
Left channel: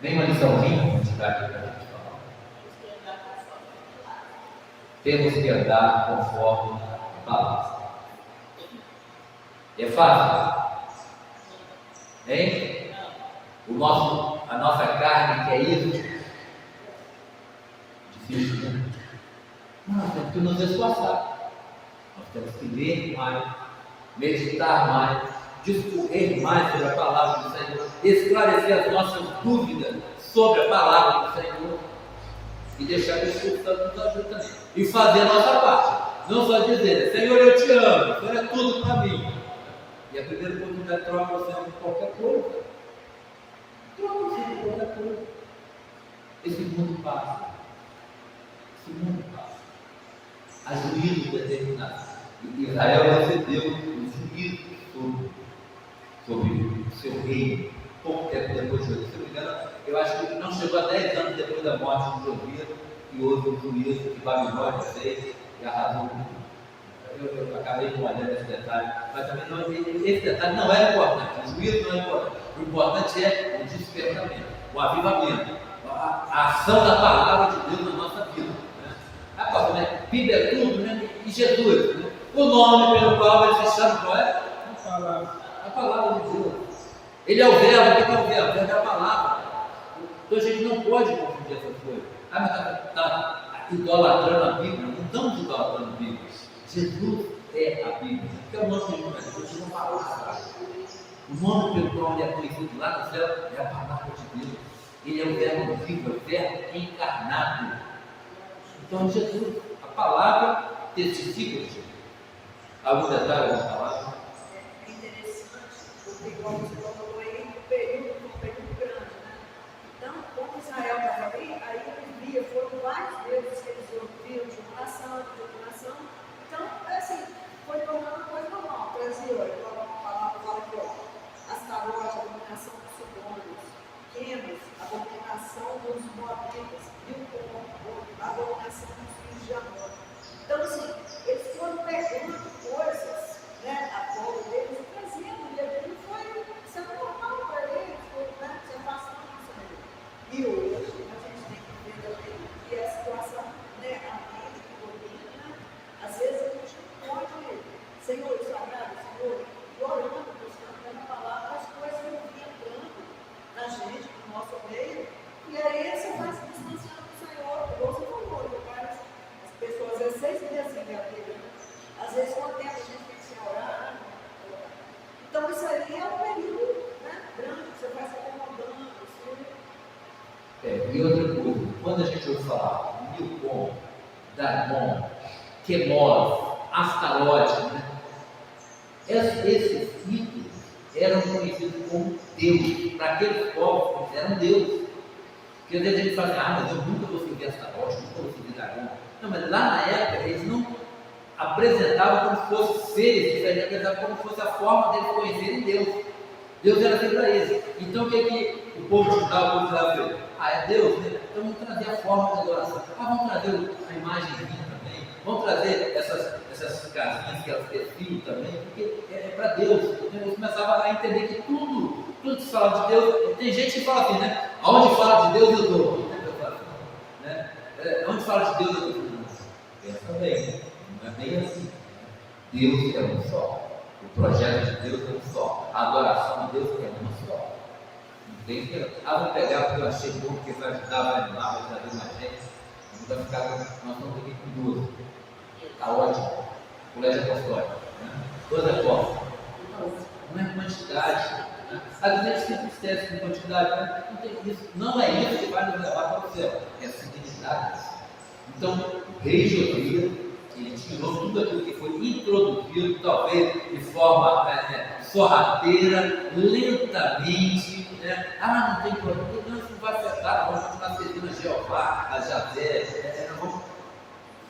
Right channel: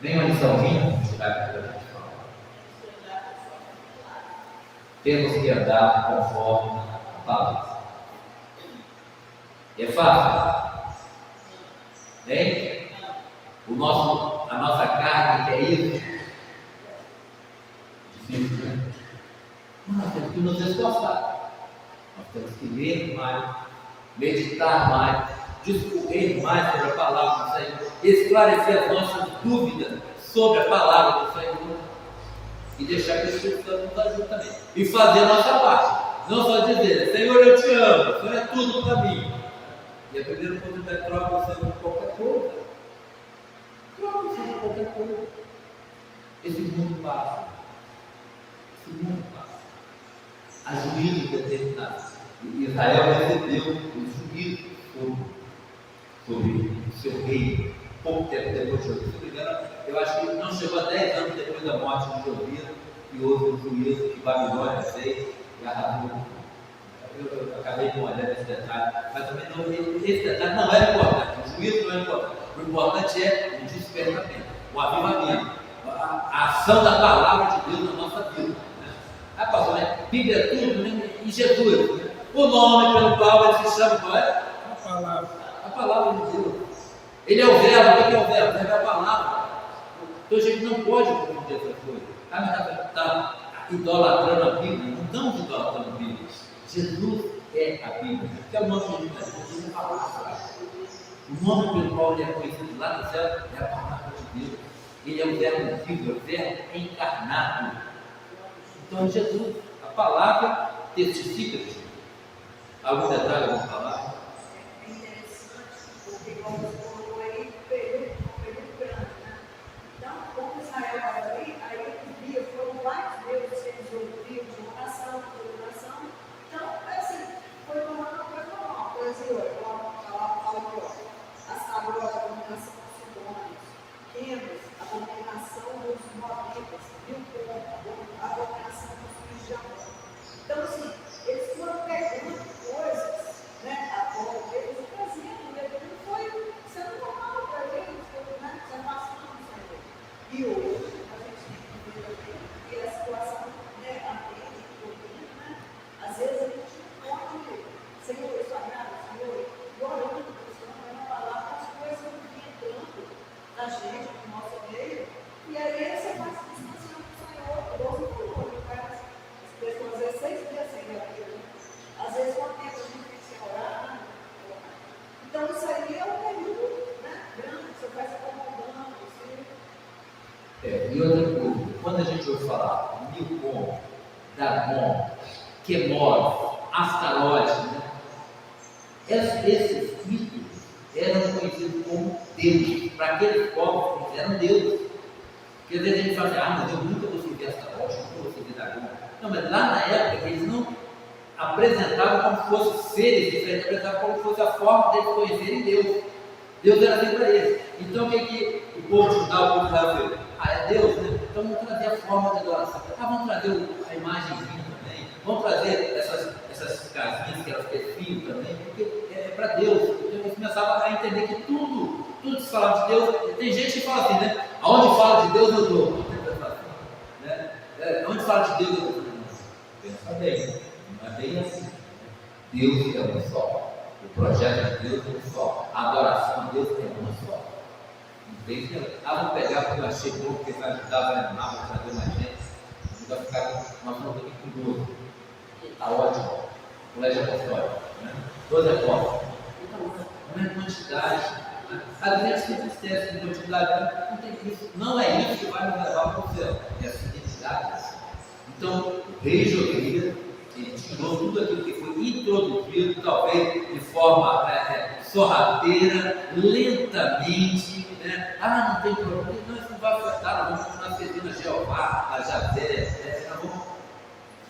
Nenhuma liçãozinha vamos tirar aqui para a gente falar. Temos que andar conforme a palavra. É fácil? Hein? A nossa carne quer isso? Difícil, né? Mas nós temos que nos esforçar. Nós temos que ler mais, meditar mais, discorrer mais sobre a palavra do Senhor, esclarecer as nossas dúvidas sobre a palavra do Senhor e deixar que o Espírito Santo nos ajude também. E fazer a nossa parte. Não só dizer, Senhor, eu te amo, o Senhor é tudo para mim. E a primeira oportunidade troca você por qualquer coisa. Troca você por qualquer coisa. Esse mundo passa. Esse mundo passa. Há juízo determinado. E Israel recebeu o juízo sobre o seu reino, pouco tempo depois de Josias. Se não me engano, eu acho que não chegou a 10 anos depois da morte de Josias, que houve o juízo que Babilônia fez e arrasou. Eu acabei com olhando esse detalhe, mas também não, esse detalhe não era importante, o juízo não é importante. O importante é o despertamento, o avivamento, a ação da palavra de Deus na nossa vida. Né? Ah, pastor, né? Bíblia é tudo, né? E Jesus, né? O nome pelo qual ele se chama, qual é? A palavra. A palavra de Deus. Ele é o verbo. O que é o verbo? O verbo é a palavra. Então a gente não pode confundir essas coisas. Ah, mas está idolatrando a Bíblia. Não estamos idolatrando a Bíblia. Jesus é a Bíblia. Que é o nome de Jesus. Jesus é a palavra. O nome pelo qual ele é conhecido lá no céu é a palavra de Deus. Ele é o verbo vivo, é o verbo encarnado. Então Jesus, a palavra testifica de Jesus. Algum detalhe, alguma palavra? É interessante, porque como você colocou aí, um período grande, né? Então, como Israel estava ali, aí ele via, foram vários deuses que eles ouviam de oração. Então, assim, foi tomando uma coisa normal. Por exemplo, a palavra fala aqui, ó, Astarot, a abominação dos Sidônios, Quemos, a abominação dos Moabitas, Milcom, a abominação dos filhos de Amon. Então, assim, eles foram pegando coisas, né, a bola deles, trazendo, e aquilo foi sendo normal para eles, foi, né, se afastando do Senhor. E hoje, a gente tem que ver também que a situação, né, a mente, o domínio, né, às vezes a gente não pode, Senhor, isso agrada, Senhor, e orando, buscando a palavra, as coisas vão entrando na gente, no nosso meio, e aí você vai se distanciando do Senhor, igual você falou, as pessoas, às vezes, 6 meses sem vida, às vezes, quanto tempo a gente tem que orar, né? Então, isso aí é um período, né, grande, você vai se acomodando, E outra coisa, quando a gente ouve falar Milcom, Dagon, Quemos, Astarote, né? Esses ídolos eram conhecidos como Deus. Para aqueles povos, eles eram Deus. Porque às vezes a gente fala assim, mas eu nunca vou servir Astarote, nunca vou servir Dagon. Não, mas lá na época eles não apresentavam como se fossem seres diferentes, apresentavam como se fosse a forma deles conhecerem Deus. Deus era assim para eles. Então o que o povo de Judá, o povo de Israel fez? É Deus, né? Então vamos trazer a forma de adoração. Vamos trazer a imagenzinha também. Vamos trazer essas casinhas que elas teciam também, porque é para Deus. Então eles começavam a entender que tudo que se falava de Deus, tem gente que fala assim, né? Aonde fala de Deus eu estou. Né? Onde fala de Deus eu estou. Pensa bem, né? Não é bem assim. Deus é um só. O projeto de Deus é um só. A adoração a Deus é uma só. Não tem que vamos pegar porque eu achei bom, porque vai ajudar, vai animar, vai trazer mais gente. Vai ficar, nós estamos aqui com 12. Está ótimo. Colégio apostólico. Né? 12 apóstolos. Não é quantidade. Né? Às vezes se entristece com quantidade, não tem isso. Não é isso que vai nos levar para o céu, é a fidelidade. Então, o rei Josias, ele tirou tudo aquilo que foi introduzido, talvez de forma sorrateira, lentamente, né? Não tem problema, não, isso não vai afetar, nós vamos continuar servindo a Jeová, a Javé,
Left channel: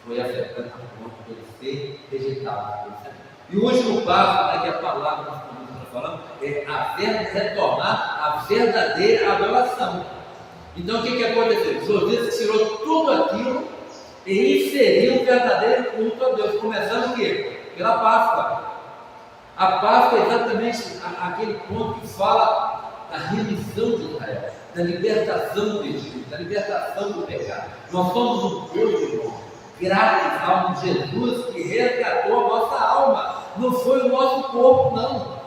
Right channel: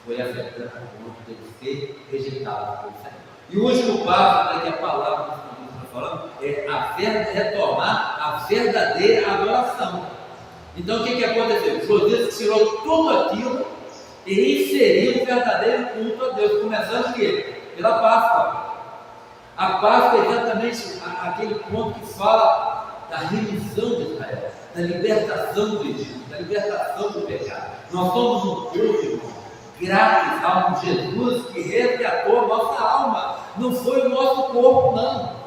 foi afetando a ponto de ele ser rejeitado pelo Senhor. E o último passo, que a palavra dos que nós falando, é retornar a verdadeira adoração. Então o que aconteceu? Josias tirou tudo aquilo e inseriu um verdadeiro culto a Deus, começando o quê? Pela Páscoa. A Páscoa é exatamente aquele ponto que fala da remissão de Israel, da libertação do Egito, da libertação do pecado. Nós somos um povo, irmão, graças a um Jesus que resgatou a nossa alma. Não foi o nosso corpo, não.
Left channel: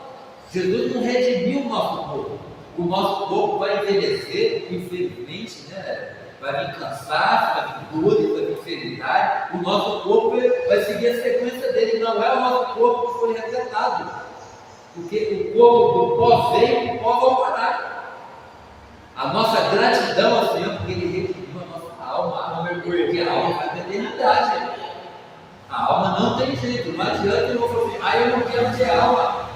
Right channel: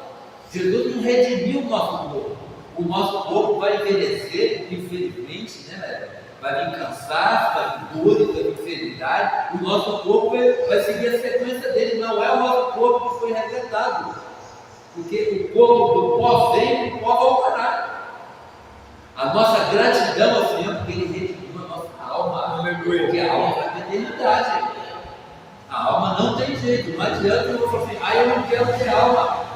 Jesus não redimiu o nosso corpo. O nosso corpo vai envelhecer, infelizmente, né? Vai vir cansaço, vai vir dores, vai vir enfermidade. O nosso corpo vai seguir a sequência dele. Não é o nosso corpo que foi resgatado, porque o corpo do pó veio, o pó voltará. A nossa gratidão ao Senhor, porque Ele redimiu a nossa alma, porque a alma vai para a eternidade. A alma não tem jeito, não adianta eu vou falar assim, eu não quero ter alma,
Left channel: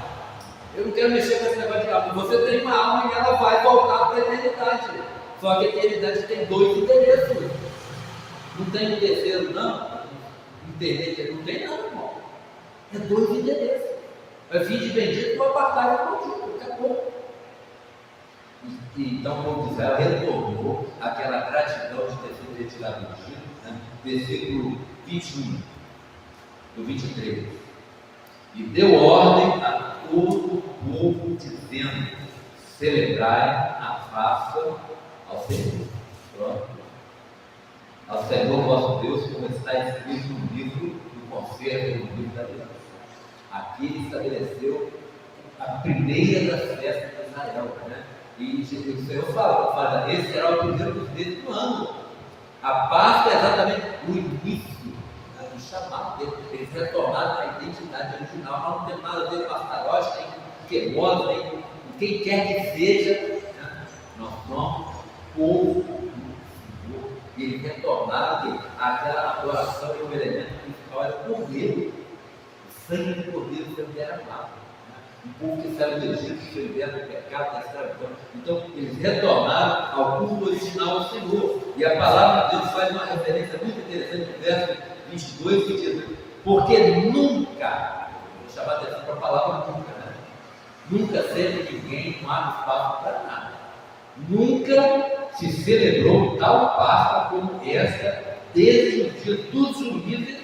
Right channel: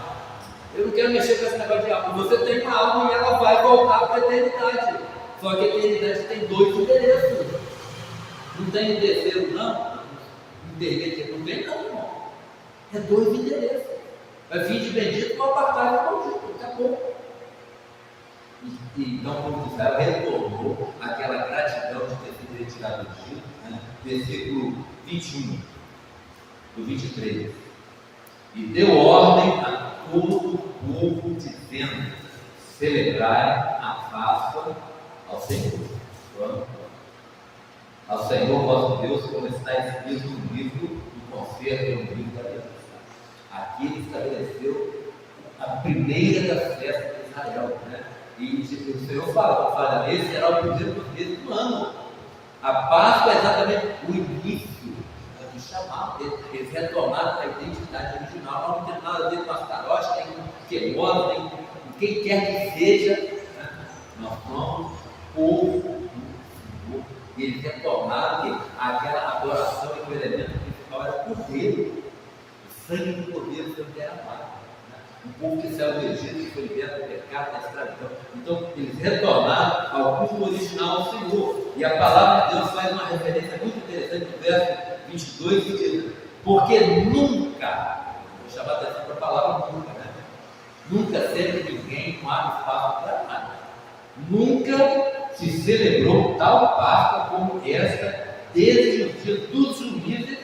eu não quero mexer com esse negócio de alma. Você tem uma alma e ela vai voltar para a eternidade. Só que a eternidade tem 2 endereços. Não tem um terceiro, não. Internet não tem, não, irmão. É 2 endereços. Vai vir de bendito para apartar de maldito. Acabou. E então o povo de Israel retornou aquela gratidão de ter sido retirado do Egito. Né? Versículo 21, do 23. E deu ordem a todo o povo, dizendo: celebrai a Páscoa ao Senhor. Pronto. Ao Senhor vosso Deus, como está escrito no livro do concerto, no livro da aliança. Aqui ele estabeleceu a primeira das festas de Israel, né? E o Senhor fala, esse será o primeiro dos meses do ano. A Páscoa é exatamente o início do chamado deles. Eles retornaram à identidade original. Nós não temos nada a ver com Astarote, nem com Quemoda, nem com quem quer que seja, né? Nós somos povo do Senhor. E eles retornaram àquela adoração, e o elemento principal era o cordeiro. O sangue do cordeiro foi derramado. Um povo que saiu do Egito, que foi liberto do pecado, da escravidão. Então, eles retornaram ao culto original ao Senhor. E a palavra de Deus faz uma referência muito interessante no verso 22, que diz: porque nunca, vou chamar a atenção para a palavra nunca, né? Nunca sempre ninguém não abre espaço para nada. Nunca se celebrou tal Páscoa como esta, desde os dias dos juízes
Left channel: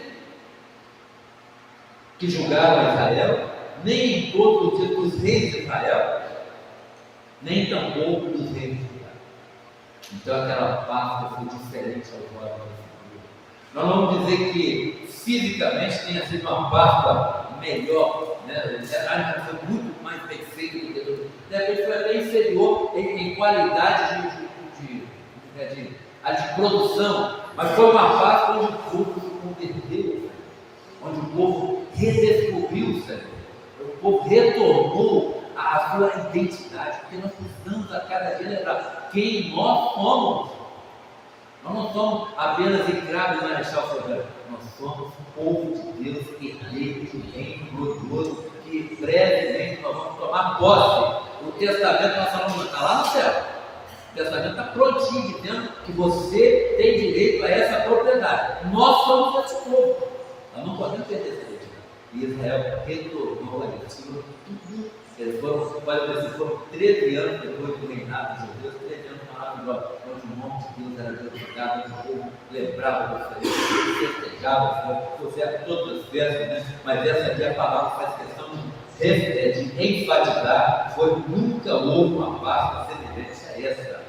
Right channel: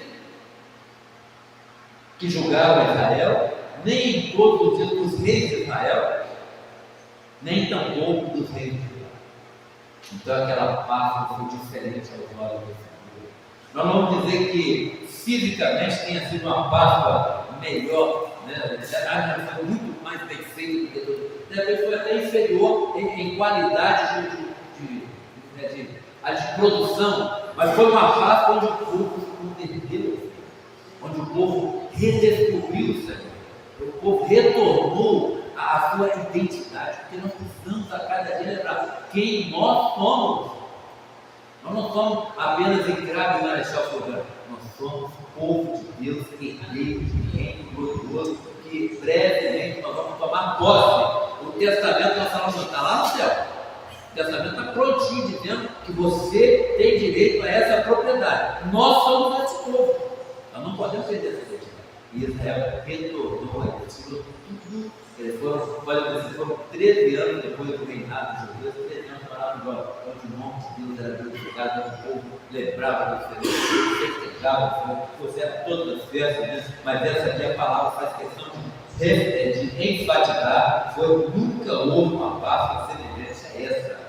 que julgaram Israel, nem em todos os dias dos reis de Israel, nem tampouco dos reis de Judá. Então aquela Páscoa foi diferente aos olhos do Senhor. Nós não vamos dizer que fisicamente tenha sido uma Páscoa melhor, né? Foi muito mais bem feita do que todos. De repente foi até inferior em qualidade de produção, mas foi uma Páscoa onde o povo se converteu, onde o povo redescobriu o Senhor. O povo retornou à sua identidade, porque nós precisamos a cada dia lembrar quem nós somos. Nós não somos apenas escravos do Marechal Floriano, nós somos povo de Deus, herdeiro de um reino glorioso, que brevemente nós vamos tomar posse. O testamento nós falamos, está lá no céu. O testamento está prontinho, dizendo que você tem direito a essa propriedade. Nós somos esse povo, nós não podemos perder essa identidade. E Israel retornou a isso tudo. Foram 13 anos depois do reinado de Josias, 13 anos maravilhosos, onde o nome de Deus era glorificado, onde o povo lembrava do Senhor, festejava, fizeram todas as festas, né? Mas essa aqui a palavra faz questão de enfatizar: nunca houve uma Páscoa semelhante a essa,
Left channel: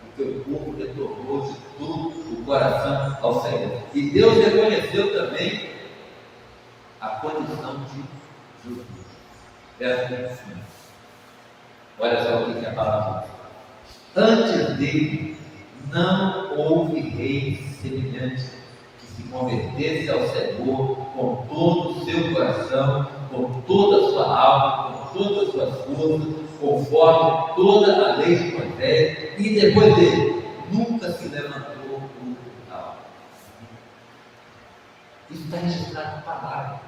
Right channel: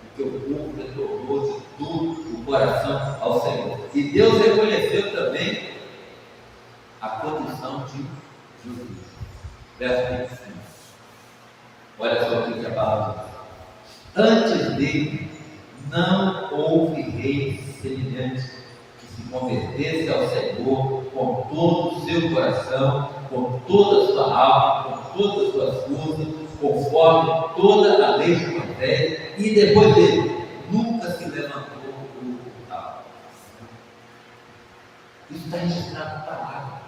porque o povo retornou de todo o coração ao Senhor. E Deus reconheceu também a condição de Josias. Verso 25. Olha só o que a palavra diz: antes dele não houve rei semelhante que se convertesse ao Senhor com todo o seu coração, com toda a sua alma, com todas as suas forças, conforme toda a lei de Moisés, e depois dele nunca se levantou outro tal. Isso está registrado na palavra,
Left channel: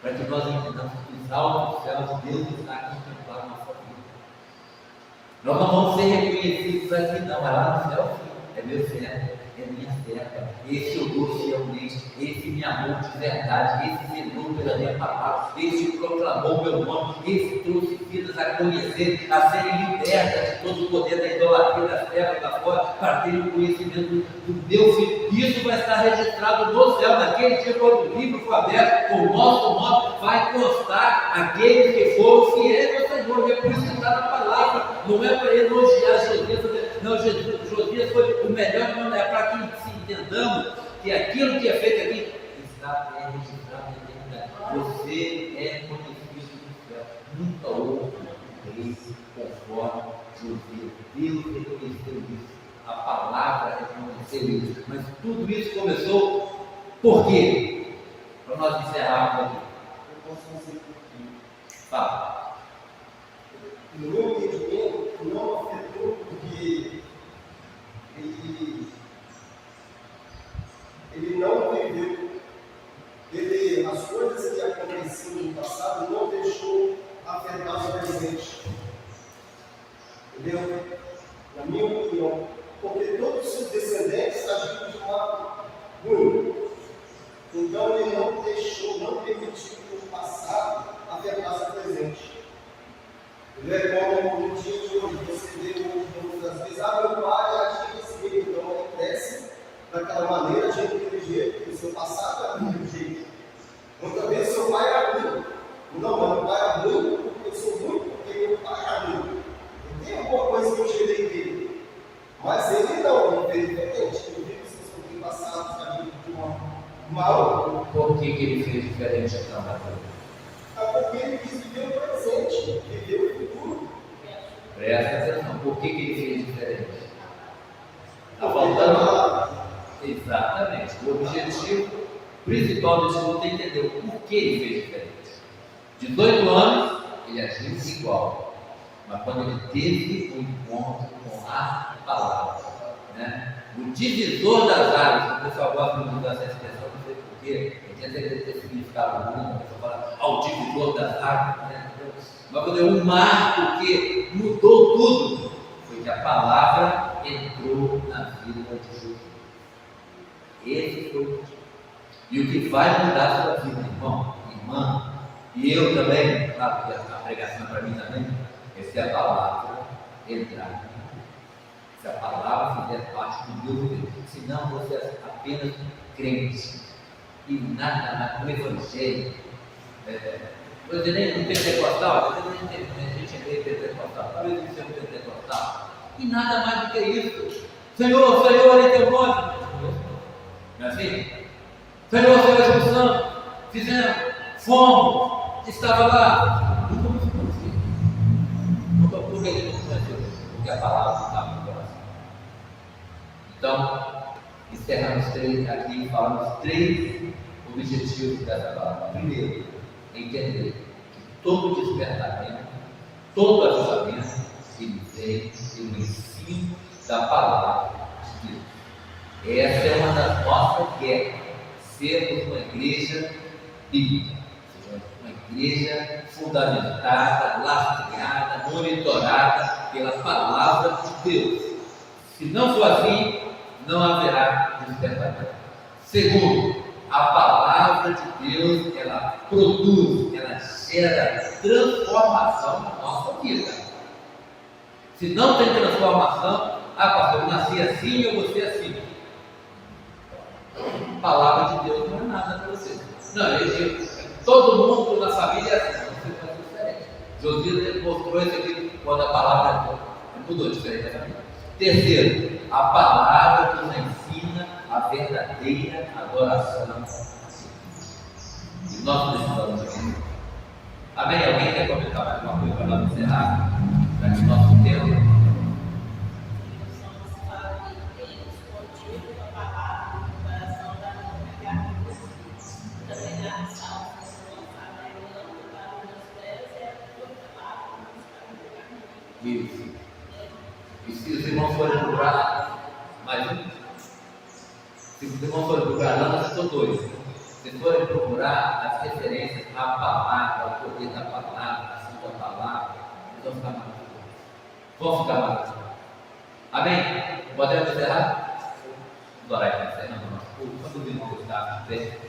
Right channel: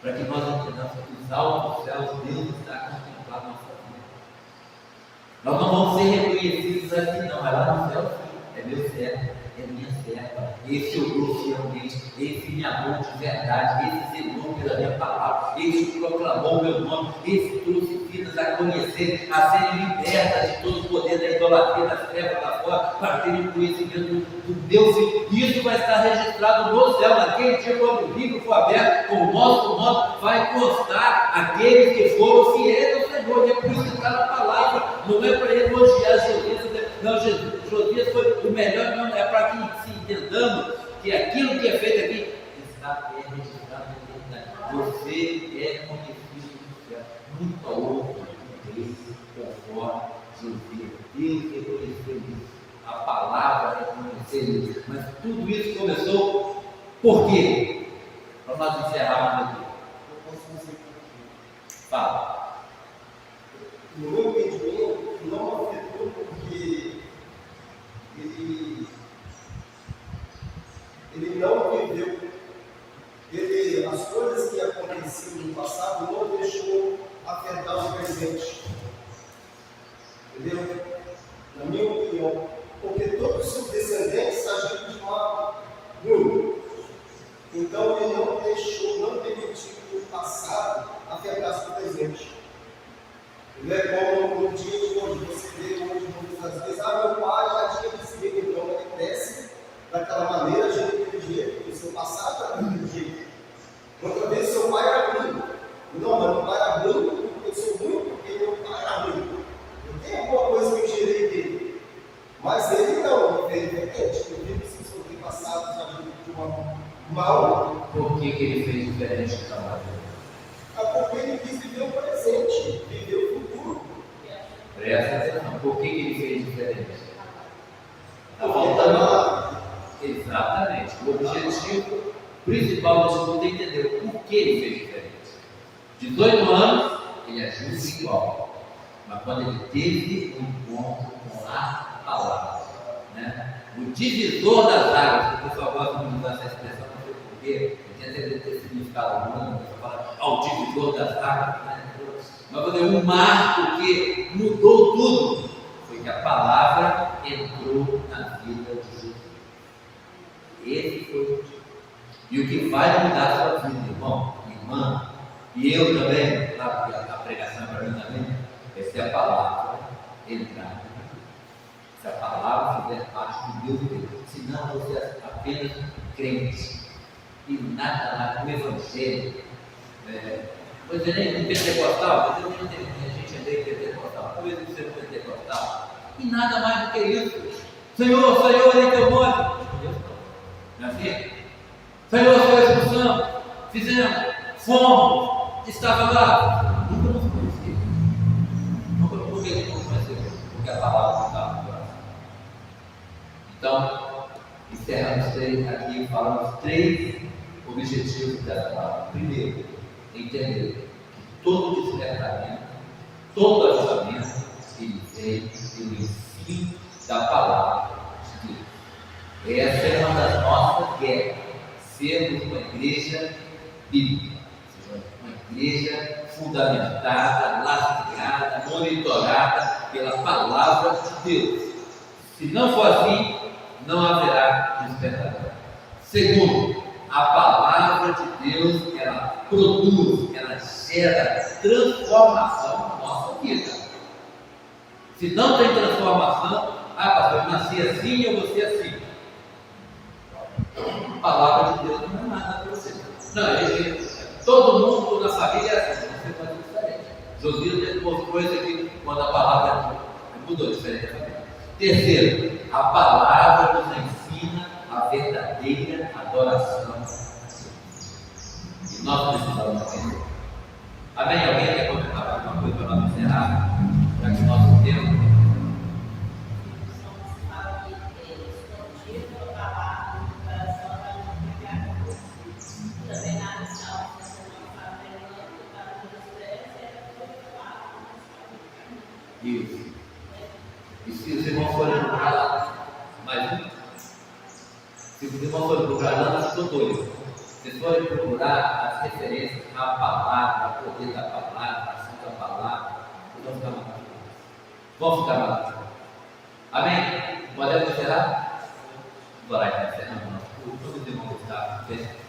para que nós entendamos que os altos céus, Deus está contemplado na nossa vida. Nós não vamos ser reconhecidos aqui, não, é lá no céu, sim. É meu servo, é minha serva, esse eu dou fielmente, esse me amou de verdade, esse zelou pela minha palavra, esse proclamou meu nome, esse trouxe vidas a conhecer, a serem libertas de todo o poder da idolatria, das trevas da fora, para terem conhecimento do meu Filho. Isso vai estar registrado no céu, naquele dia, quando o livro for aberto, com o nosso nome, vai constar aqueles que foram fiéis ao Senhor, e é por isso que está na palavra, não é para elogiar Josias, não, Josias foi o melhor, não, é para que se entendamos que aquilo que é feito aqui está registrado na eternidade. Você é conhecido do céu. Nunca houve um rei conforme Josias. Deus reconheceu isso. A palavra reconheceu isso. Mas tudo isso começou por quê? Para nós encerrarmos aqui. Eu posso dizer por quê? Fala. No meu entendimento, não afetou porque ele não viveu, as coisas que aconteciam no passado não deixou afetar o presente. Entendeu? Na minha opinião, porque todos os seus descendentes agiram de modo ruim. Então ele não deixou, não permitiu que o passado afetasse o presente. Como no dia de hoje, você vê hoje muitas vezes, meu pai era desse jeito, então ele cresce daquela maneira, de daquele jeito, porque o seu passado era daquele jeito. Outra vez seu pai era ruim. Não, meu pai era ruim, eu sou ruim porque meu pai era ruim. Eu tenho alguma coisa que eu gerei dele. Mas ele não, ele fez diferente. Eu vi que seus antepassados agiram de uma mal. Por que ele fez diferente então, Mateus? Porque ele quis viver o presente, viver o futuro. Presta atenção, por que ele fez diferente? Está faltando. Exatamente. O objetivo principal desse ponto é entender o porquê ele fez diferente. 18 anos, ele agiu igual. Mas quando ele teve um encontro com a palavra, né? O divisor das águas, o pessoal gosta de usar essa expressão, não sei porquê, eu tinha ter significado ruim, o pessoal fala, o divisor das águas, né? Mas quando é um marco que mudou tudo, foi que a palavra entrou na vida de Jesus. Esse foi o motivo. E o que vai mudar a sua vida, irmão, irmã, e eu também, claro que a pregação é para mim também, é se a palavra entrar. Se a palavra fizer parte do meu viver. Senão você é apenas crente. E nada mais, um evangelho. Vou dizer, nem um pentecostal, a gente é meio pentecostal, talvez você é um pentecostal. E nada mais do que isso. Senhor, olha em teu nome. Não é assim? Senhor, Espírito Santo, fizemos, fomos, estava lá. Nunca nos conheceu. Por que ele não conheceu? Porque a palavra estava no coração. Então, encerramos aqui, falamos 3 objetivos dessa palavra. Primeiro, entender que todo despertamento, todo ajustamento, ele vem pelo ensino da palavra de Deus. Essa é uma das nossas guerras, sermos uma igreja bíblica, ou seja, uma igreja fundamentada, lastreada, monitorada pela palavra de Deus. Se não for assim, não haverá despertamento. Segundo, a palavra de Deus, ela produz, ela gera transformação na nossa vida. Se não tem transformação, pastor, eu nasci assim, eu vou ser assim. A palavra de Deus não é nada para você. Não, todo mundo na família é assim, você pode ser diferente. Josias mostrou isso aqui quando a palavra mudou diferente da família. Terceiro, a palavra nos ensina a verdadeira adoração. E nós precisamos disso. Amém? Alguém quer comentar mais alguma coisa para nós encerrar? Para que o nosso tempo. Isso. E se os irmãos forem procurar, mais um. Se os irmãos forem procurar, não, eu estou doido. Se forem procurar as referências à palavra, ao poder da palavra, a santa palavra, vocês vão ficar maravilhosos. Vão ficar maravilhosos. Amém? Podemos encerrar? Vamos orar e encerrando o nosso culto. Quando os irmãos estarem de pé.